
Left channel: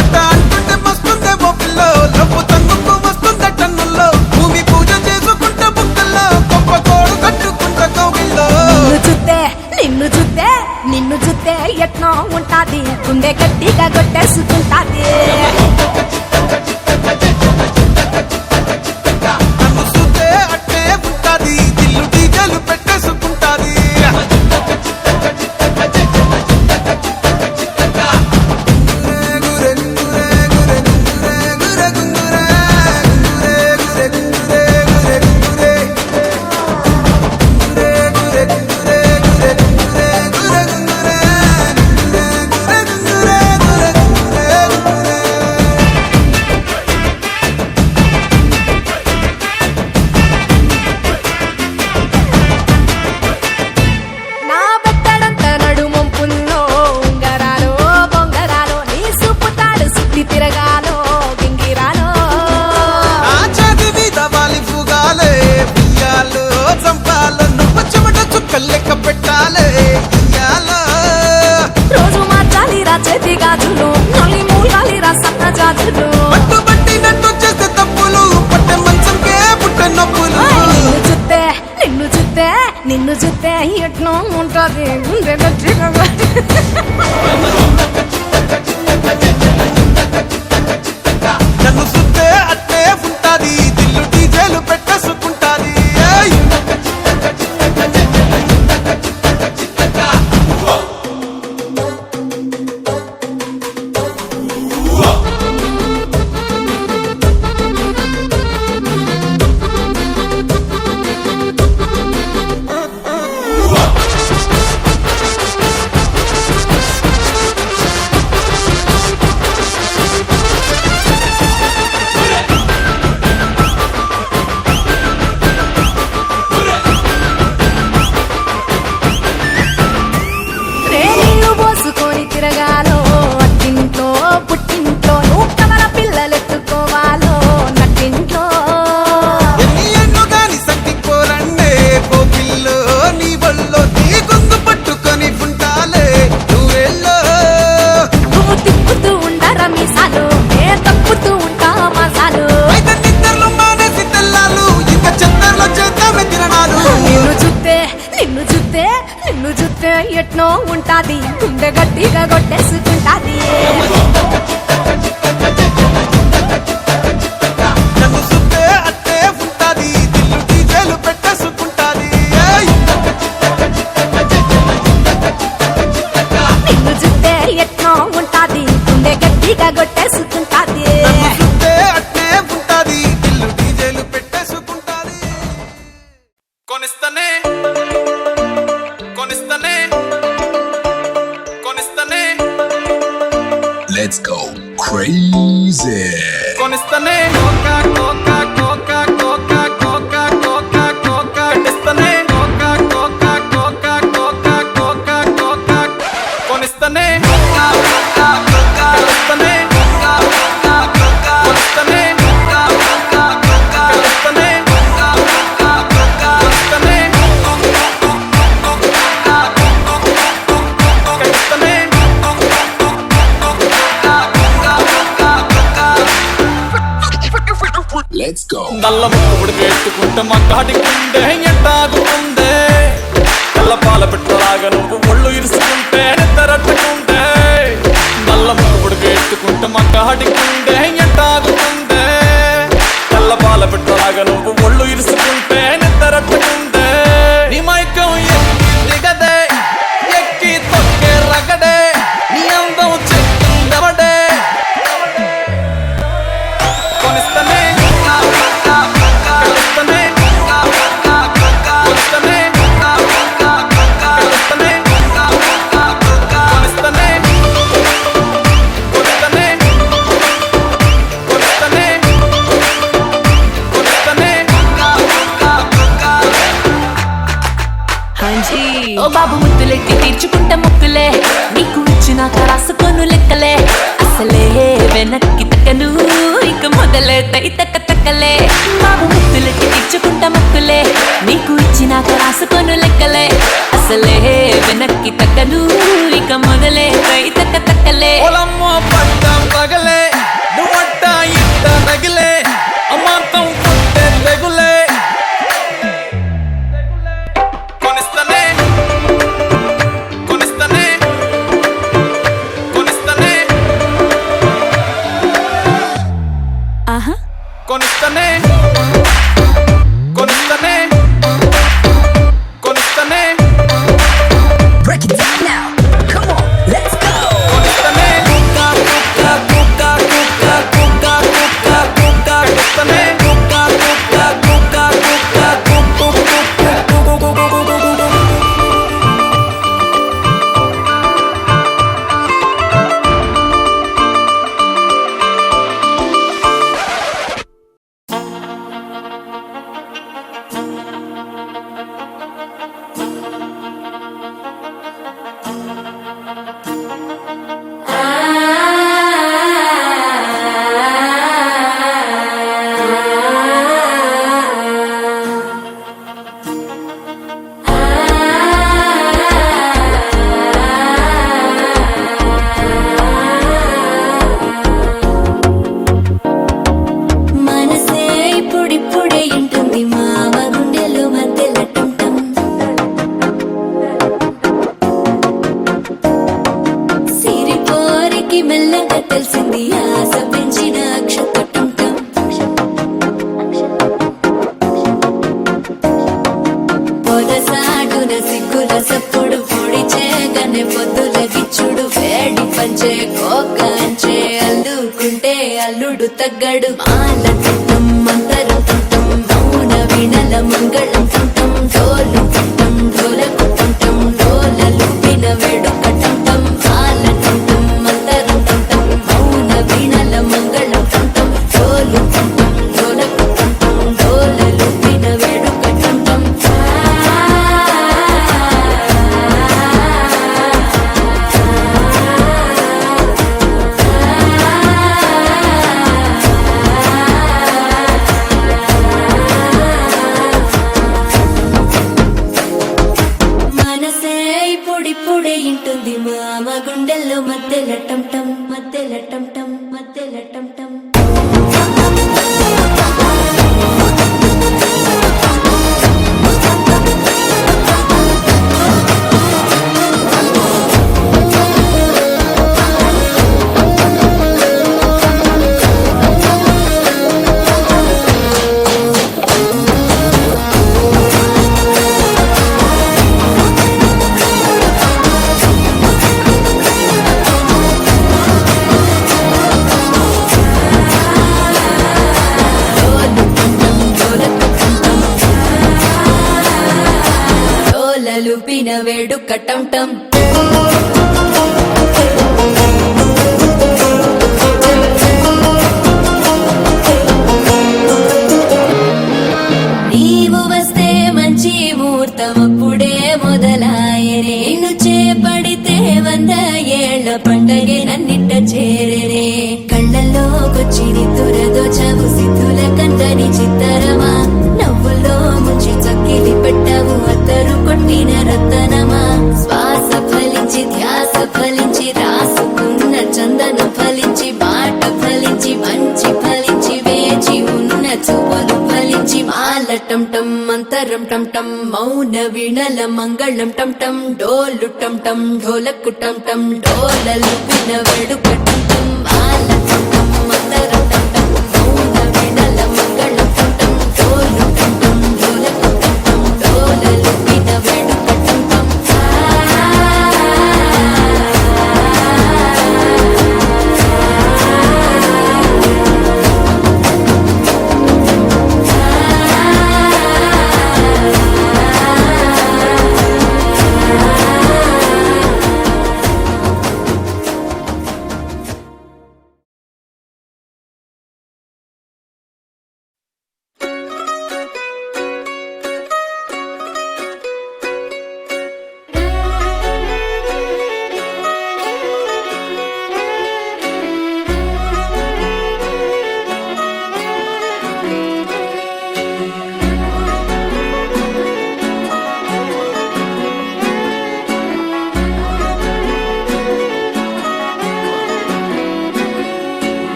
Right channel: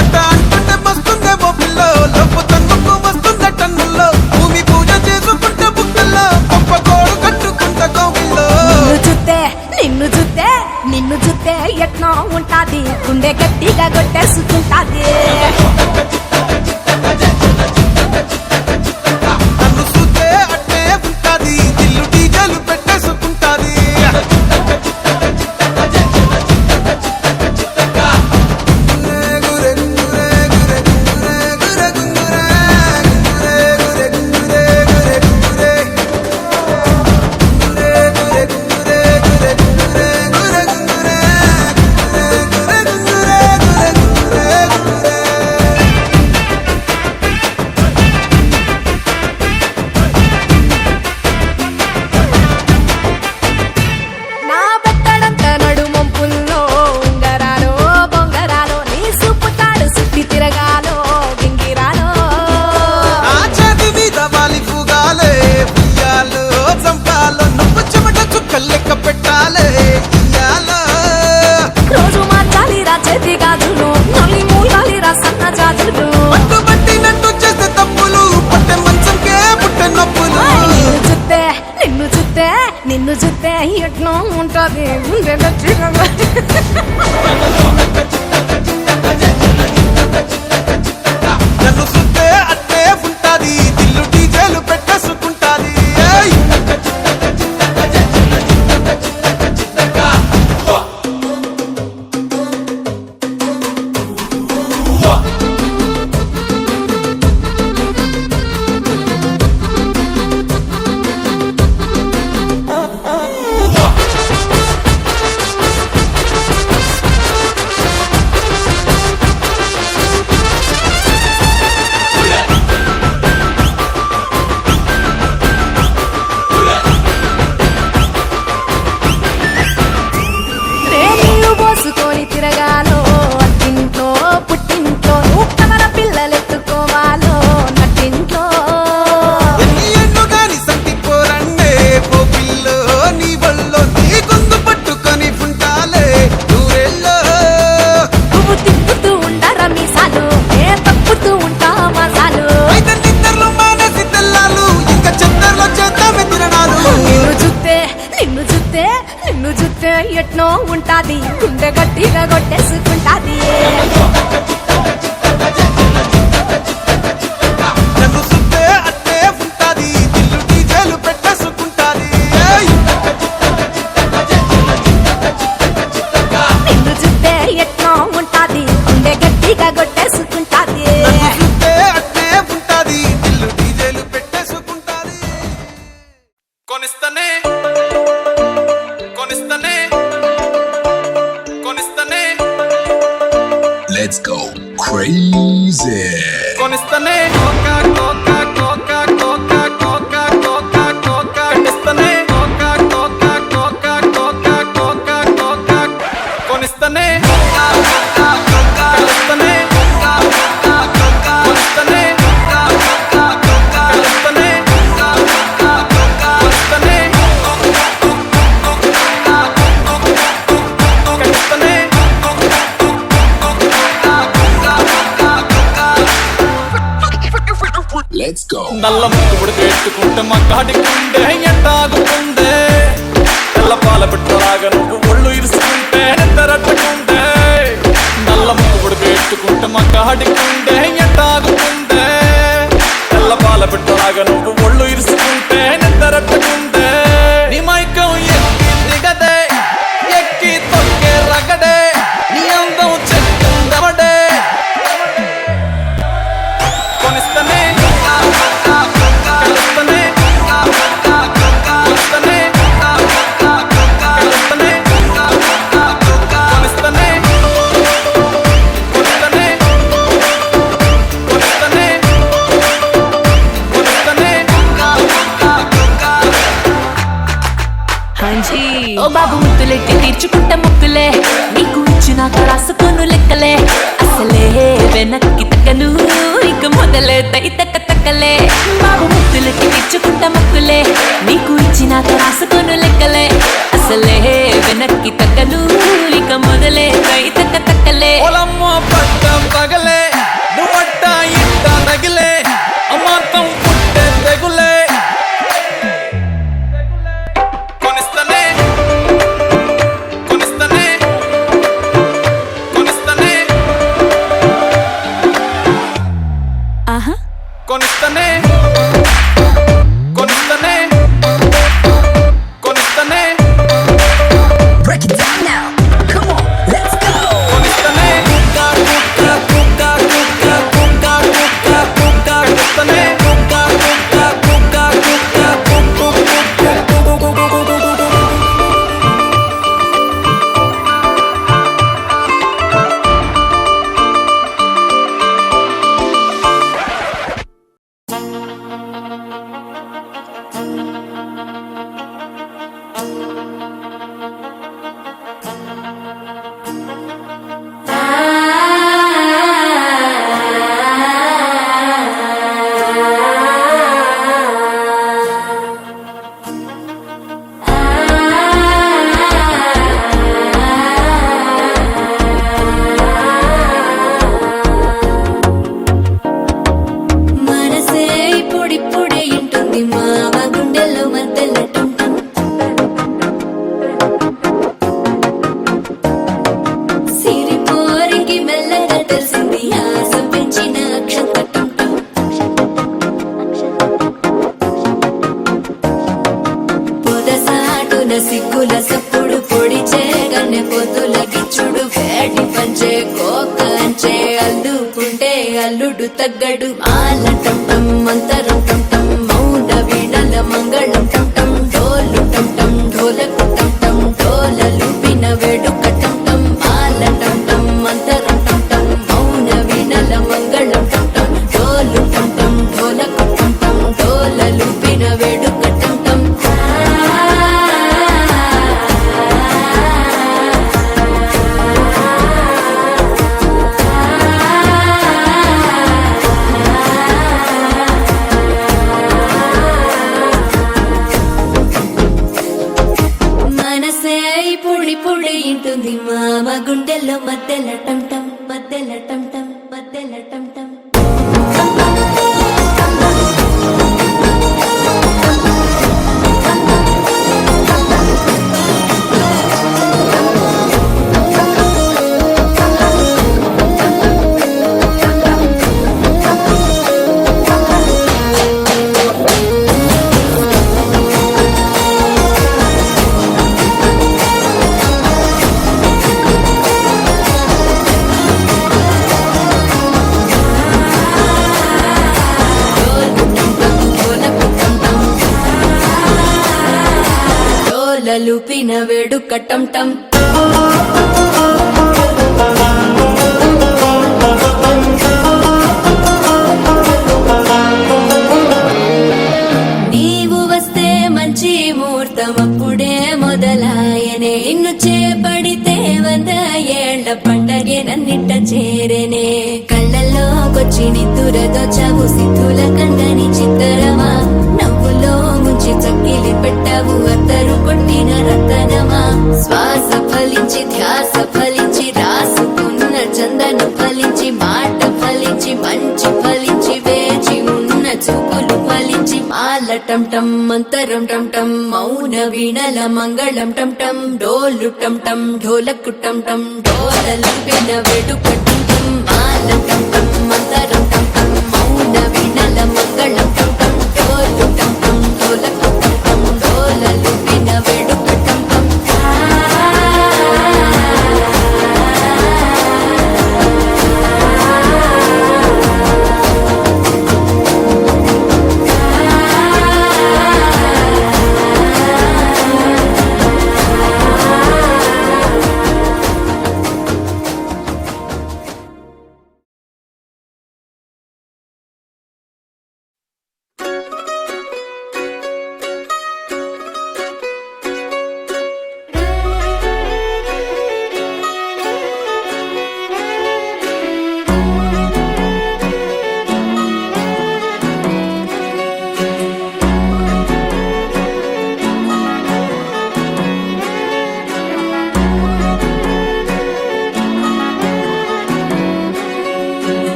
అట్ట అంటుంటే మస్తుందేమో పిల్లో లవ్వు తన్నుకు వస్తుందే టన్నుల్లో భూమి పూజ చేసుకుంటే బుక్కల్లో గొప్ప కోడు కట్టుకుంటే కోగిల్లో నిన్ను చూస్తే ఎట్నో ఉంటాది గుండె గట్టిగా కొట్టేసుకుంటాది నన్ను చూస్తే అట్టే ఉంటాది దిల్లు డీజలు పెట్టేసుకుంటాది నా బెత్తడంత నడుమొంపుల్లో ఉంగరాలో బొంగరాలో నీ సుప్పుతాడు సుత్తి తిరగాలో గింగిరాలో ఆ చేతి మీద వాలి పుగాలే ఉయ్యాలో చంపాలో నువ్వు చెమట చుక్కలు లెక్క పెట్టాలే ఇయ్యాలో రోజు మార్చాలి రా చేతి గాజులు నల్లి మూలాలి రా సన్న జాజులు పట్టు పట్టినట్టు చేస్తే తప్పులు పట్టే మంచంకే పుట్టే నొప్పులు నిన్ను చూస్తే ఎట్నో ఉంటది గుండె గట్టిగా నన్ను సుత్తే అట్టే ఉంటాది దిల్లు డీజేలు పెట్టేసుకుంటాది ఏయ్! పోసుకొని తిరగాలో అట్టింట్లో పుట్టింట్లో నువ్వు కమల పిల్లలెత్తుకోవాలో నట్టింట్లో ఎన్ని ఎన్ను గాని సంటి పోరండే కోపిల్లో నీ వల్లో నీ గొంతు పట్టుకొని ఉంటాలే నూరెల్లో నువ్వు తిప్పుతూ ఉండరా మీసాలు నే తప్పుతూ ఉంటా మసాలు అయితే నిద్రలో మానేసి తెల్లాలు ఇంకా చందర్లో చేద్దామే తిరణాలు నిన్ను చూస్తే ఎట్నో ఉంటాది గుండె గట్టిగా కొట్టేసుకుంటాది నన్ను సుత్తే కొనిస్తనే కొనిస్తనే కొనిస్తనే Let's go crazy. కొనిస్తనే కోకా కోకా కోకా కోకా కోకా కోకా కోకా కొనిస్తనే కోకా కోకా కోకా కోకా కోకా కోకా కొనిస్తనే కోకా కోకా కోకా కొనిస్తనే కోకా కోకా కోకా కొనిస్తనే కోకా కోకా కోకా కొనిస్తనే కోకా కోకా కోకా కొనిస్తనే కొనిస్తనే Let's go. నల్ల ముక్కుడు పెట్టుకుంటే మా కాటికుండే ఎట్టాగుందే తెల్ల పాల పెట్టలాగా నువ్వు ఒళ్ళు ఇరుసుకుంటే నిద్రట్టుకుందే నల్ల ముక్కుడు పెట్టుకుంటే మా కాటికుండే ఎట్టాగుందే తెల్ల పాల పెట్టలాగా నువ్వు ఒళ్ళు ఇరుసుకుంటే నిద్రట్టుకుందే నీ మైకం ఎక్కి దిగదే ఎక్కి తొక్కే రగడే నీ అందం చెక్కిందవడే కొనిస్తనే కొనిస్తనే కొనిస్తనే కొనిస్తనే కొనిస్తనే కొనిస్తనే కొనిస్తనే కొనిస్తనే హాంజీ ఓ బాబు ముద్దులెట్టి తీర్చుకుంటా ముక్కులే నీకు ఇచ్చినాక రాసుకోను లెక్కలే అసలే వెనక్కి తక్కను ఇక మొదలే తై తక్క తక్కలే బాబు ముద్దులెట్టి తీర్చుకుంటా ముక్కులే నీకు ఇచ్చినాక రాసుకోను లెక్కలే అసలే వెనక్కి తక్కను ఇక మొదలే తై తక్క తక్కలే పొలమ్మ పట్టం పగలే నువ్వట్ట ఇట్ట తగిలే అమాంతం పుట్టే తెగులే కొనిస్తనే కొనిస్తనే కొనిస్తనే ఆహా కొనిస్తనే కొనిస్తనే కొనిస్తనే Break it down now. Come on, let's go. కొనిస్తనే కుక్క కుక్క కుక్క కుక్క కుక్క కుక్క కుక్క కొనిస్తనే కుక్క కుక్క కుక్క కుక్క కుక్క మనసే ఇప్పుడిప్పుడే ఇంటుంది మామ గుండెలు మధ్యలటుంటం సిరిపోరికి మెల్లగా తెలిసింది ఆశ పెంచిన అక్షతటుంటం పొదసాటున సిగ్గుల సప్పుడు పొడి చేయగానే పొద్దుల గిచ్చుడు వేడి పంచే కోకలంచే అల్లుకుంటే అల్లుడు తగ్గడు మాల టుంటం మంతరు టుంటం మౌన వీణల మంగళ టుంటం డోలు టుంటం ఢోలకు టుంటం డోలలు విన వేడుక టుంటం మాల టుంటం మంతరు టుంటం మౌన వీణల మంగళ టుంటం డోలు టుంటం ఢోలకు టుంటం డోలలు విన వేడుక టుంటం మనసే ఇప్పుడిప్పుడే ఇంటుంది మామ గుండెల్లో మధ్యల టంటం మధ్యల టంటం మధ్యల టంటం డోలలుపిన వేడుక టం టం నీవు వస్తే మంచి ముహూర్తం అప్పుడే మొదలాయనే నిన్ను చేపడితే 100 ఏళ్ల పండగే నన్నిట్ట చేరేనే కళ్ళల్లోకొచ్చి నిద్దురదో చావు సిద్ధుల కందని చిత్తరమా నవ్వులో ముంచి చక్కిలి పెట్టావు అత్తరు కొట్టిన రతనమా శ్వాస ఫలించి ధ్యాస ఫలించి రాసుకున్న చందన ఫలించి మాట ఫలించి మంచి ఫలించి వేచి ఉన్న చూపులు ఫలించి మాల టం టం మంతరం టం టం మౌన వీణల మంగళం టం టం డోలు టం టం ఢోలకు టం టం డోలలు విన వేడుక టం టం మాల టం టం మంతరం టం టం మౌన వీణల మంగళం టం టం డోలు టం టం ఢోలకు టం టం డోలలు విన వేడుక టం టం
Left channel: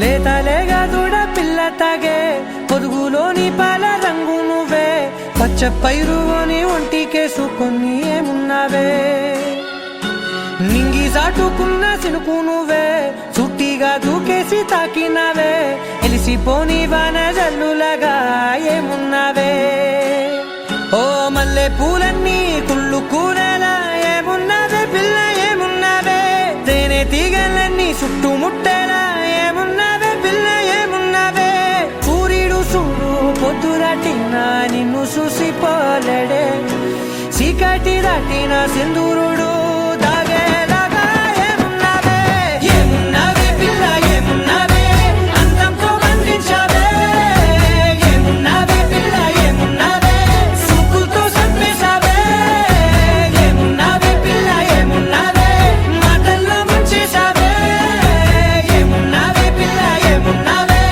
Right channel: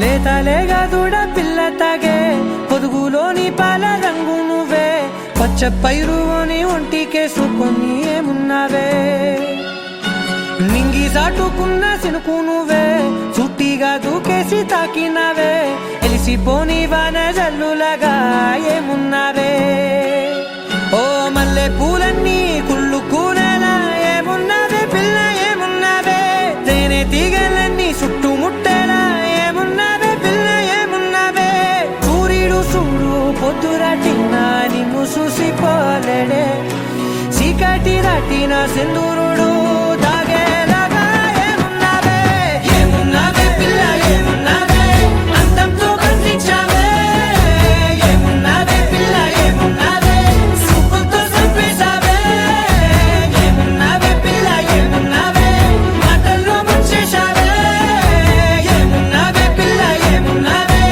లేతలేగా దూడ పిల్ల తాగే పొదుగులోని పాల రంగు నువ్వే పచ్చ పైరుని ఒంటికేసుకొని ఏమున్నావే నింగి సాటుకున్న సినుకు నువ్వే చుట్టిగా దూకేసి తాకినావే ఎలిసిపోని వాన జల్లులగా ఏమున్నావే ఓ మల్లె పూలన్నీ కుళ్ళు కూనేలా ఏమున్నావే పిల్ల ఏమున్నావే తేనె తీగలన్నీ చుట్టుముట్టేలా ఏమున్నావే పిల్ల ఏమున్నావే సూర్యుడు చూడు పొద్దురాటినా నిన్ను చూసిపోలేడే చీకటి దాటిన సింధూరుడు తాగేలాగా ఏమున్నావే ఏమున్నావే పిల్ల ఏమున్నావే అందంతో కనిపించావే ఏమున్నావే పిల్ల ఏమున్నావే సుక్కుతో చంపేశావే ఏమున్నావే పిల్ల ఏమున్నావే మాటల్లో ముంచేశావే ఏమున్నావే పిల్ల ఏమున్నావే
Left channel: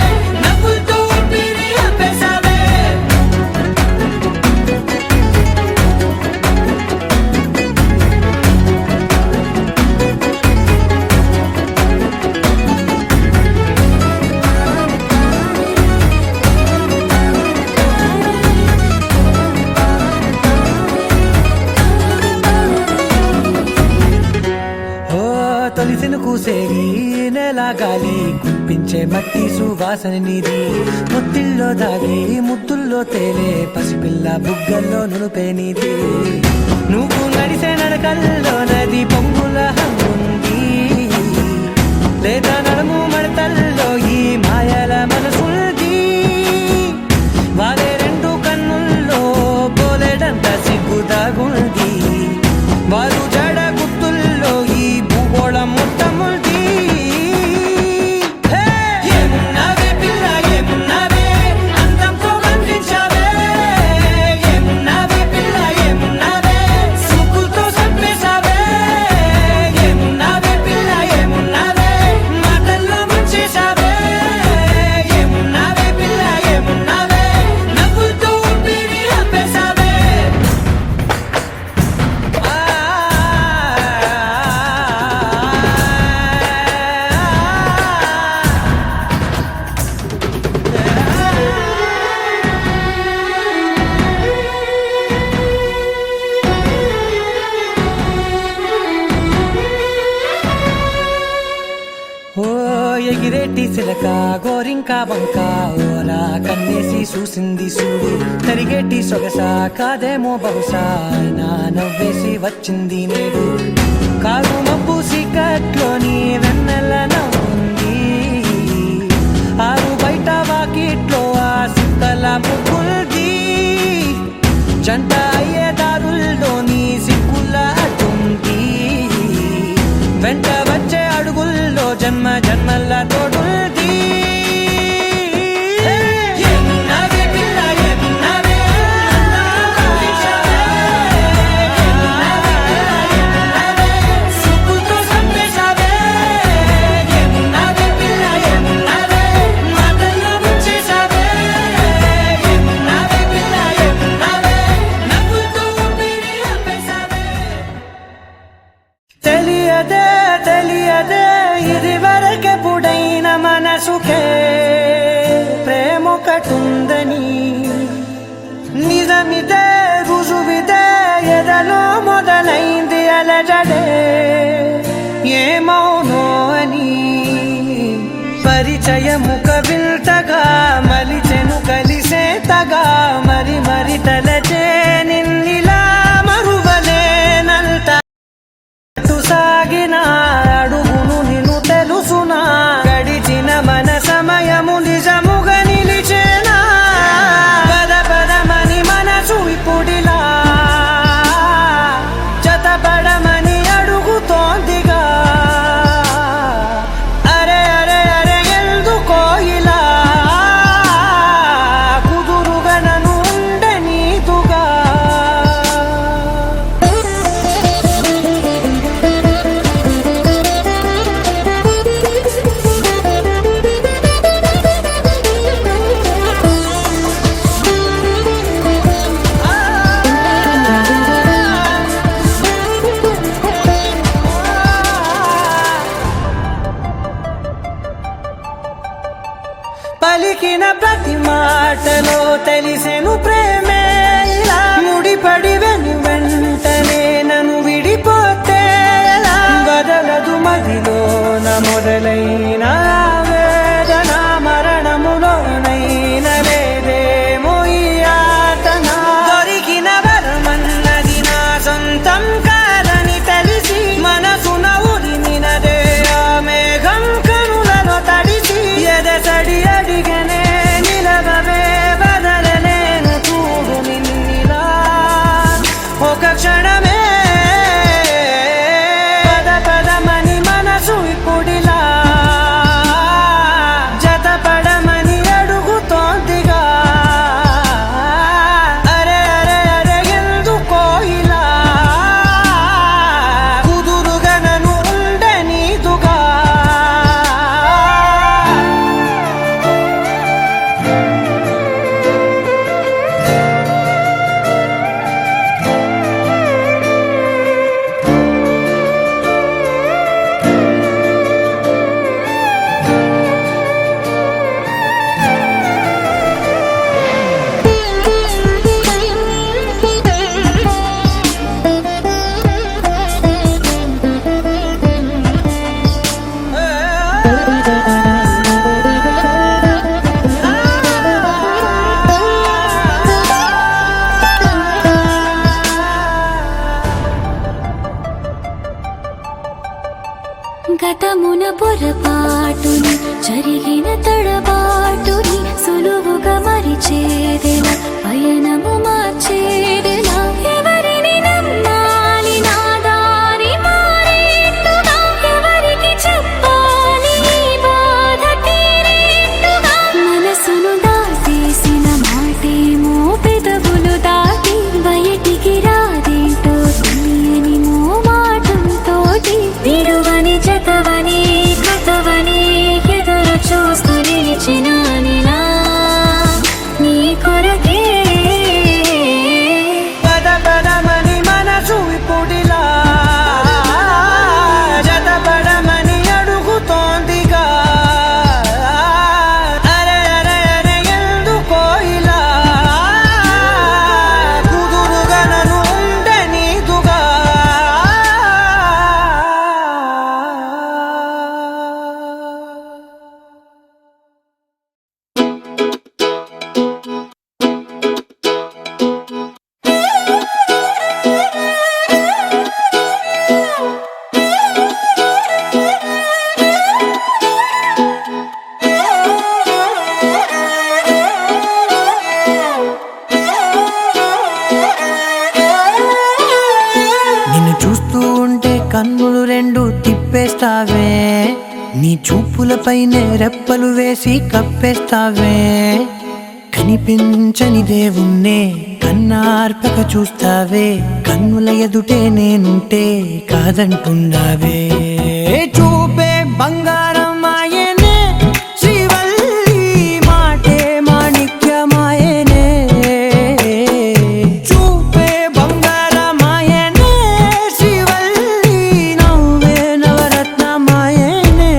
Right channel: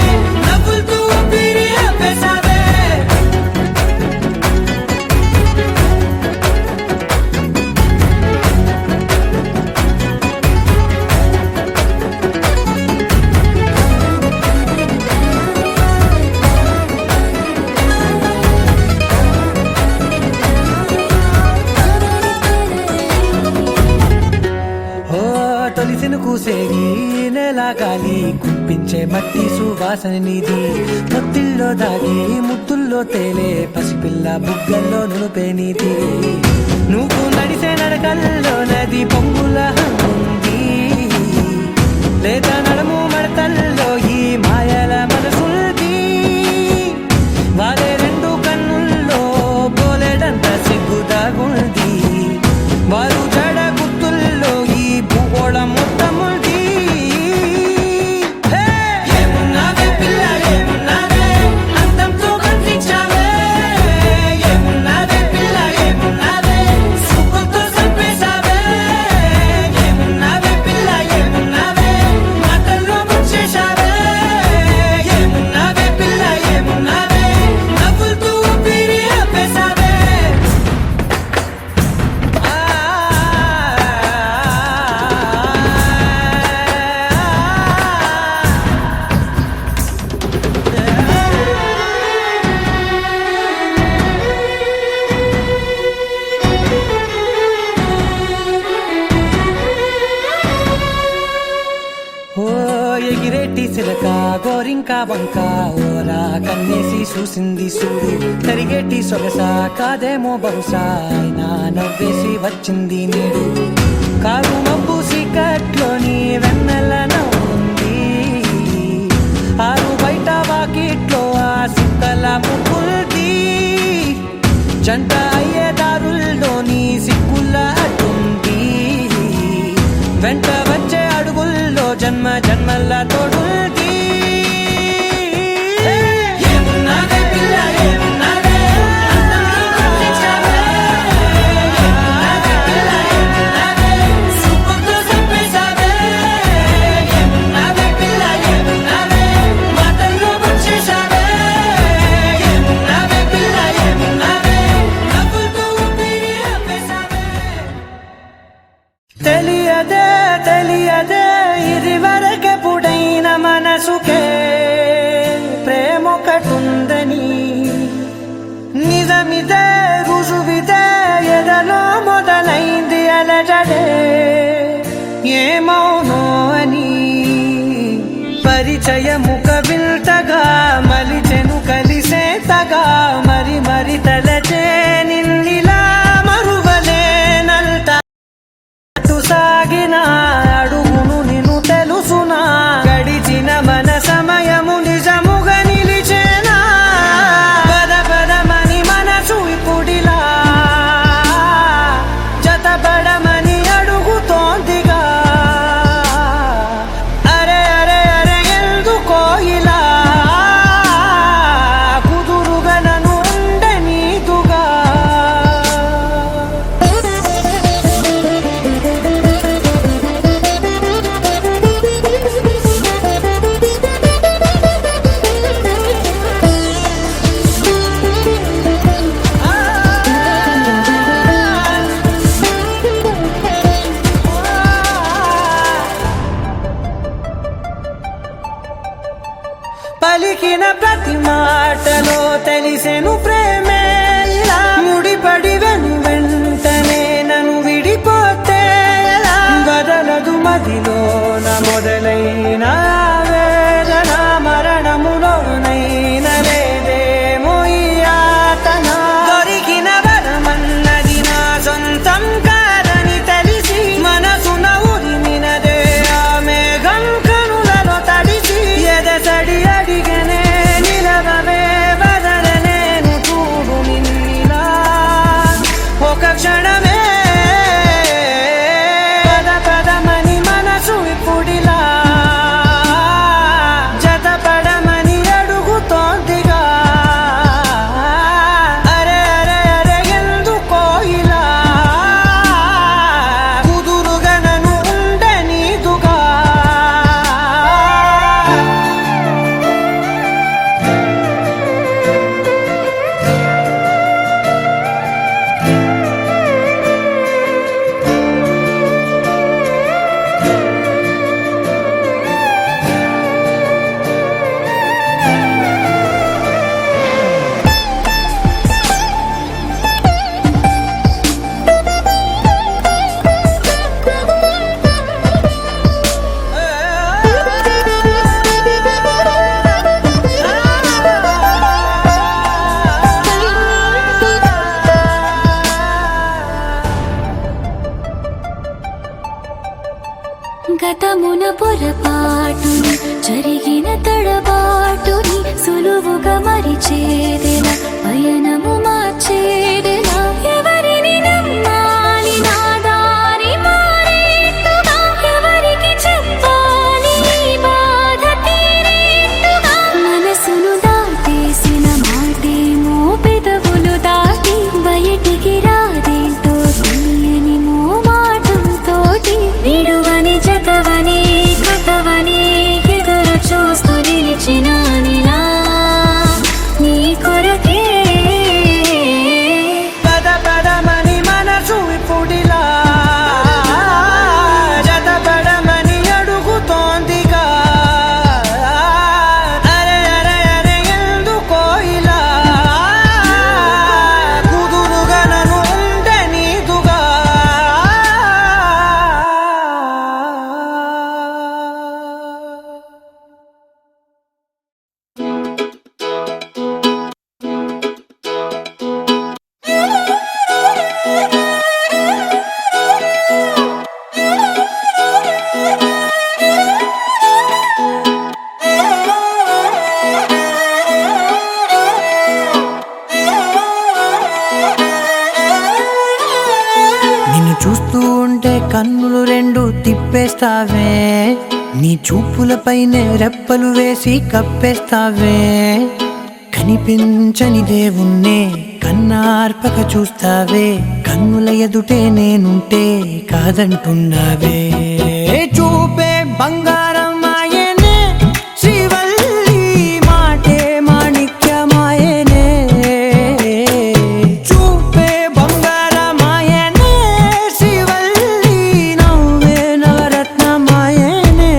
నవ్వులతో ఊపిరి ఆపేశావే ఓ తొలిసిన కూసేరి నెల గాలి కుప్పించే మట్టి సువాసన నీది ముత్తిల్లో దాగి ముత్తుల్లో తేలే పసిపిల్ల బుగ్గల్లో నునుపే నీది నువ్వు నడిసే నడకల్లో నది పొంగుల హంగుంది లేదా నడుము మడతల్లో ఈ మాయల మనసుంది వారే రెండు కన్నుల్లో బోలెడంత సిగ్గుదాగుంది వారు జడ గుర్తుల్లో ఈ భూగోళం మొత్తముంది ఏమున్నావే పిల్ల ఏమున్నావే అందంతో కనిపించావే ఏమున్నావే పిల్ల ఏమున్నావే సుక్కుతో చంపేశావే ఏమున్నావే పిల్ల ఏమున్నావే మాటల్లో ముంచేశావే ఏమున్నావే పిల్ల ఏమున్నావే నవ్వులతో ఊపిరి ఆపేశావే ఓ ఎగిరేటి సిలక గోరింక వంక ఓరా కన్నేసి చూసింది చూడు తరిగేటి సొగస కాదేమో బహుశా అయినా నవ్వేసి వచ్చింది నేడు కారు మబ్బు సీకట్లోని వెన్నెల నవ్వుంది ఆరు బయట వాకిట్లో ఆ సుక్కల ముగ్గుల్ది జంట అయ్యే దారుల్లోని వెంట వచ్చే అడుగుల్లో జన్మ జన్మల్ల తోడుంది తెలియదే తెలియదే ఇదివరకెప్పుడైన మనసుకే ప్రేమొకటుందని నిజమిదే రుజువిదే ఎదలో మొదలైంది అలజడే ఏమౌనో అని పరిచయముక విల్తగా మలిచెను కలిసేతగా మరి మరి తలచే నిన్నిలా మరువలేనంత సాగిన అడుగును నిన్ను తెలుసునా గడిచిన మన సమయము నిజముగా నిలిచేనా పద పదమని మనసు ఇప్పుడిలా జతపడమని అడుగుతోందిగా అరే అరే అరే ఎందుకో ఇలా కుదురుగా నన్ను ఉండనీదుగా పలికిన ప్రతి మాటలో తెలిసెను ప్రేమే ఇలా ముడిపడి వెంటనే నన్ను విడిపోతే ఎలా బదలదు మదిలోన మొదలైన వేదన మరణములోనైన లేదేమో ఈ యాతన దొరికిన వరమన్నది నా సొంతం కాదని తెలిసి మనసున ఉరిమినదే ఆ మేఘం కనులలో తడిసి ఎదసడి అడిగనే నిలవవే బదలలేను చూడు నిన్నిలా ఒక క్షణమే పద పదమని మనసు ఇప్పుడిలా జతపడమని అడుగుతోందిగా అరే అరే అరే ఎందుకో ఇలా కుదురుగా నన్ను ఉండనీదుగా గతమున పొరపాటుని జరిగిన తడబాటుని సులువుగా మరిచేదెలా పయనము మార్చేదెలా ఎవరిని నమ్మాలి నా దారి మారేట్టుగా ఎవరికి చెప్పాలి ఈ బాధ తీరేట్టుగా మనసును దాటేసిన మాటేమో పెదవులు దాటి బయటికి రాదేంటో తెలియని మోమాటంతోటి విడువని జతవని కథవని ఎదురు చూస్తూ నిలిచినానిలా నీ కొరకే నిన్ను చూస్తూ ఉంటే కన్నులు రెండు తిప్పేస్తావే, నీ చూపులపైనే రెప్పలు వేసి కప్పేస్తావే. కనిపించని దేవుణ్ణే కన్నార్పక చూస్తావే, కన్నుల ఎదుటే నేనుంటే కాదంటున్నావే. చూపే బంగారం ఆయనే శ్రీవల్లి, మాటే మాణిక్యమాయనే. చూపే బంగారమాయనే శ్రీవల్లి, నవ్వే నవరత్నమాయనే.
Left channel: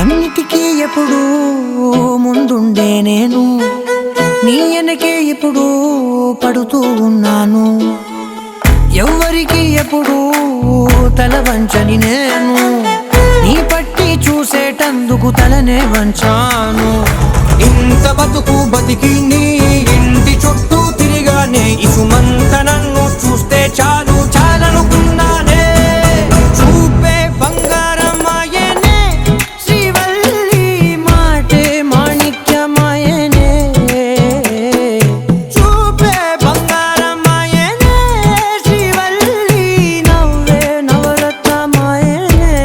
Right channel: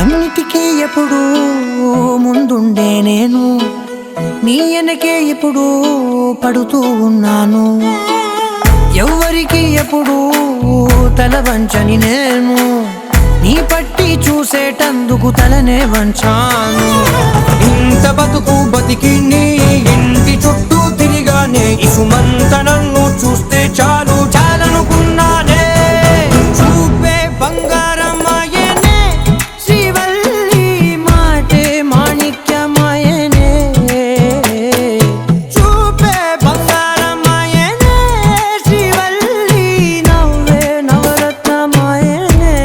అన్నిటికీ ఎప్పుడు ముందుండే నేను, నీ వెనకే ఎప్పుడు పడుతూ ఉన్నాను. ఎవ్వరికి ఎప్పుడు తల వంచని నేను, నీ పట్టి చూసేటందుకు తలనే వంచాను. ఇంత బతుకు బతికి నీ ఇంటి చుట్టూ తిరిగానే, ఇసుమంత నన్ను చూస్తే చాలు చాలనుకున్నానే. చూపే బంగారమాయనే శ్రీవల్లి, మాటే మాణిక్యమాయనే. చూపే బంగారమాయనే శ్రీవల్లి, నవ్వే నవరత్నమాయనే.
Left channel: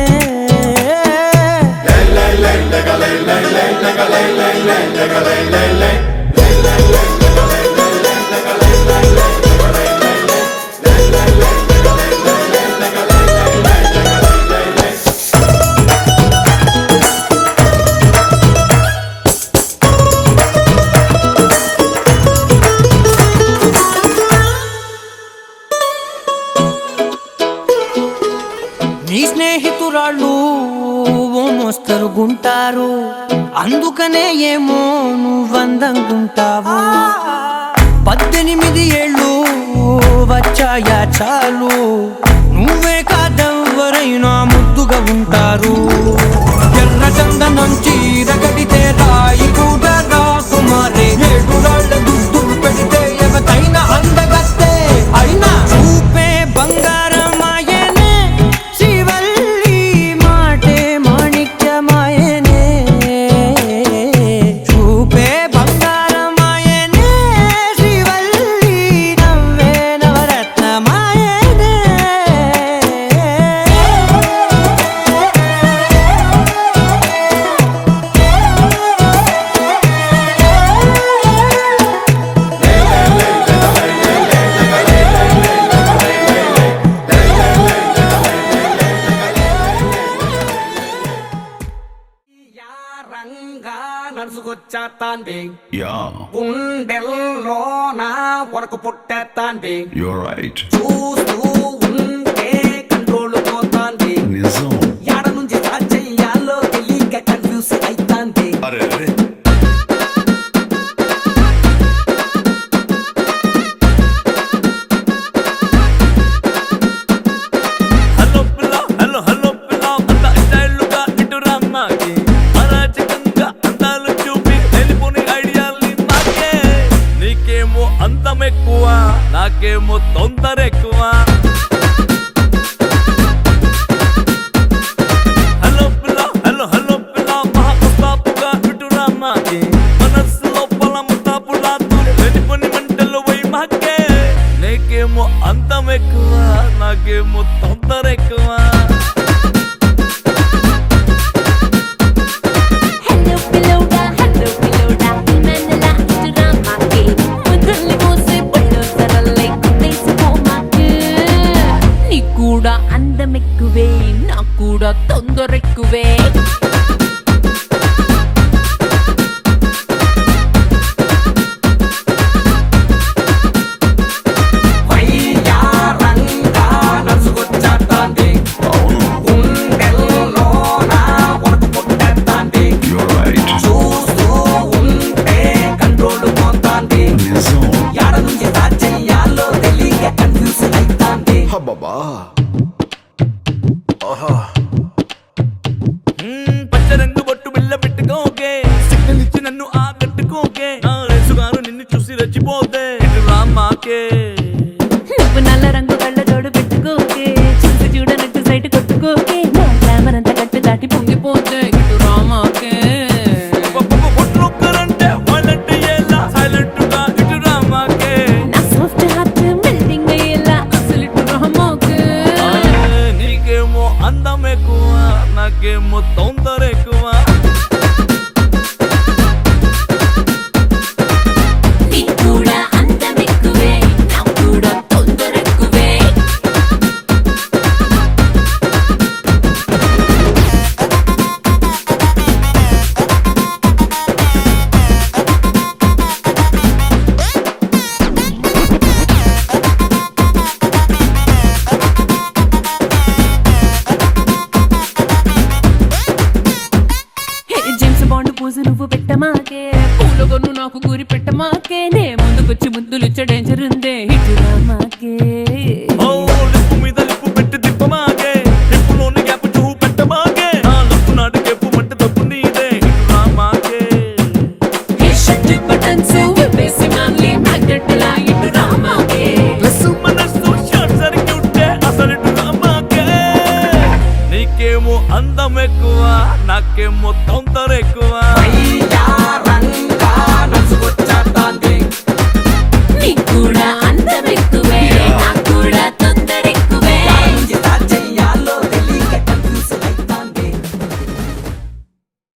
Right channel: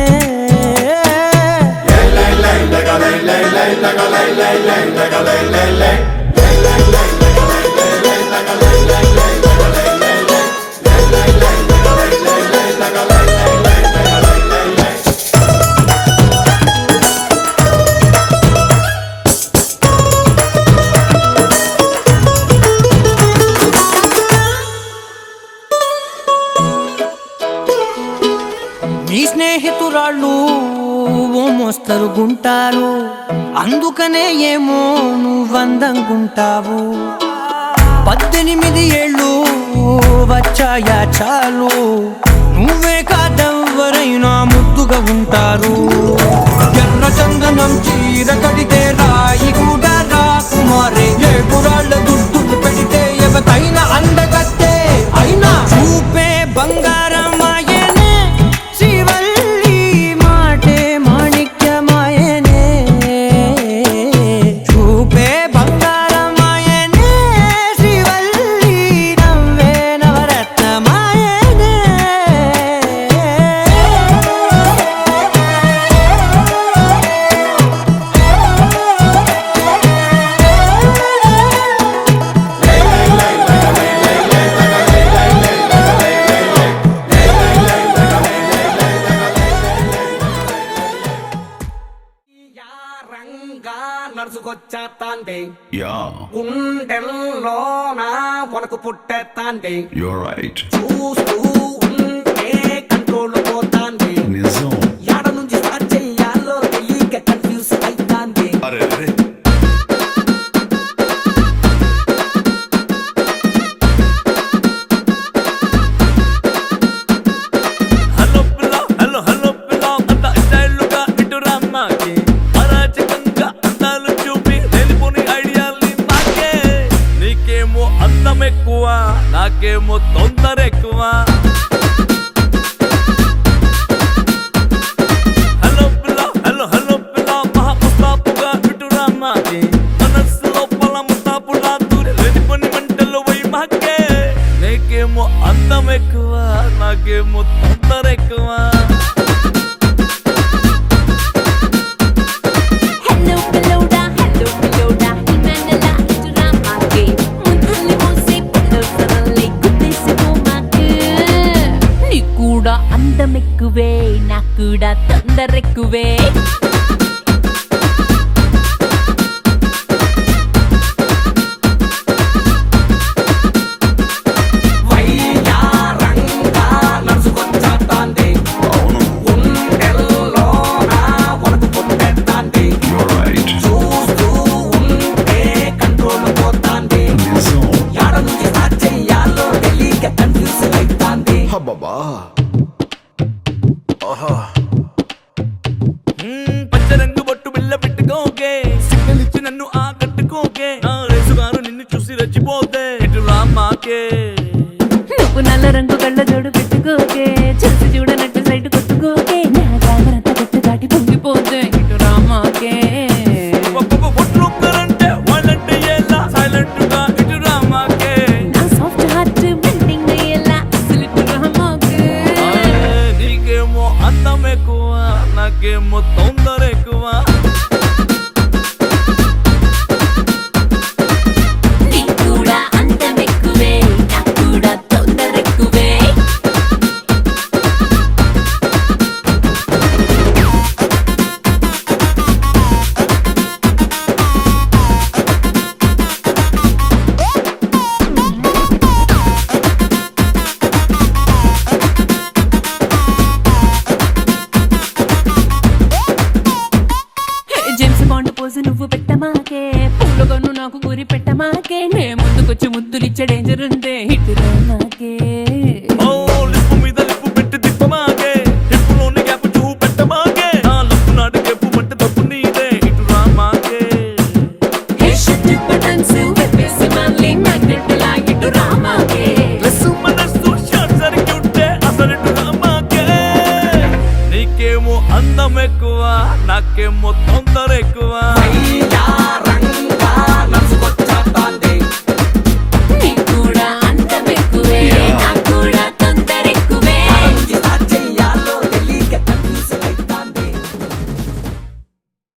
నీ స్నేహితురాళ్ళు ఓ మోస్తరుగుంటారు, అందుకనే ఏమో నువ్వందంగుంటావు. 18 ఏళ్ళు వచ్చాయా చాలు, నువ్వే కాదెవ్వరైనా ముద్దుగా ఉంటారు. ఎర్ర చందనం చీర కడితే రాయి కూడా రాకుమారే, 7 రాళ్ళ దుద్దులు పెడితే ఎవతైనా అందగత్తే. అయినా చూపే బంగారమాయనే శ్రీవల్లి, మాటే మాణిక్యమాయనే. చూపే బంగారమాయనే శ్రీవల్లి, నవ్వే నవరత్నమాయనే. Yeah, గుండెల్లోన వరకు పుట్టేస్తాంటే, you're right. చూస్తూ ఉంటే కంట్రోల్ పోతాంటే, Nizam. ఎడ నుంచి స్టార్ట్ చెయ్యాలో తెలియక కన్ఫ్యూజ్ అయితాంటే. అరే అరే. హలో పిల్ల, హలో హలో పిల్ల, అంత స్టైల్గా ఇటు రమ్మాకి, అరాచకంగా అందాలు చూపి వెళ్ళిపోని ఐడియాల్ని మాకే. నీకేమో అందం ఎక్కువ, నాకేమో తొందర ఎక్కువ. హలో పిల్ల, హలో హలో పిల్ల, మహా ముస్తాపుగా ఇటు రమ్మాకి, మనస్సు లోపల ముస్తాపులా దూరి వెళ్ళిపోని మంటలు పోయి మాకే. నీకేమో అందం ఎక్కువ, నాకేమో తొందర ఎక్కువ. హలో పిల్లోడా, హలో పిల్లోడా, ఇమెండలా ఇటురా మాకే. ముద్దుల్ని మూసి పుట్టసరల్లే కుట్టేసి పోమాకే. నీకు కూడా అందం ఎక్కువే, నాకు కూడా తొందర ఎక్కువే. అవును. You're right. Nizam. అబ్బబ్బా. పచ్చ రంగు బొట్టు బిల్ల పెట్టుకోకే సిగ్నల్ ఇచ్చి నన్ను ఆకట్టుకోకే నా రేసుగారు నిన్ను చూసి రెచ్చిపోతే ఇటు రామాకే నువ్వు నల్ల రంగు కళ్ళ జోడు పెట్టుకోకే చూసి చూడనట్టు సైట్ కొట్టుకోకే నా గ్లామర్ అంతా కట్టు దాటి పొంగిపోతే ఇటు రామాకే ఒక్కరంటే వాళ్ళంటే ఎలా సైలెంట్ గా ఇటు రామాకే నా సాఫ్ట్ హార్ట్ మెల్టింగ్ అయ్యేలా అసలు ఇటు రామాకే నీకేమో అందం ఎక్కువ నాకేమో తొందర ఎక్కువ నీకు కూడా అందం ఎక్కువే నాకు కూడా తొందర ఎక్కువే జేమ్స్ బాండ్ పోజు నువ్వు పెట్టమాకే పూలగొన్ను నాకు కూరి పెట్టమాకే నే ముందుకొచ్చి ముద్దులిచ్చే డేంజర్ ఉందే ఇటు రామాకే ఓ లిప్పు మీద లిప్పు పెట్టి తిప్పమాగే హిప్పులోని గ్యాప్ చూపు పెట్టమాగే నా లప్పు నాటి గెప్పు మంటే తప్పు నీదే ఇటు రామాకే హే షట్ బటన్స్ విప్పేసి మళ్ళీ మగ్గట్టులా ఇటు రామాకే ప్లస్ మనస్సు షార్ట్ సర్క్యూట్ అసలు ఇటు రామాకే నీకేమో అందం ఎక్కువ నాకేమో తొందర ఎక్కువ నీకు కూడా అందం ఎక్కువే నాకు కూడా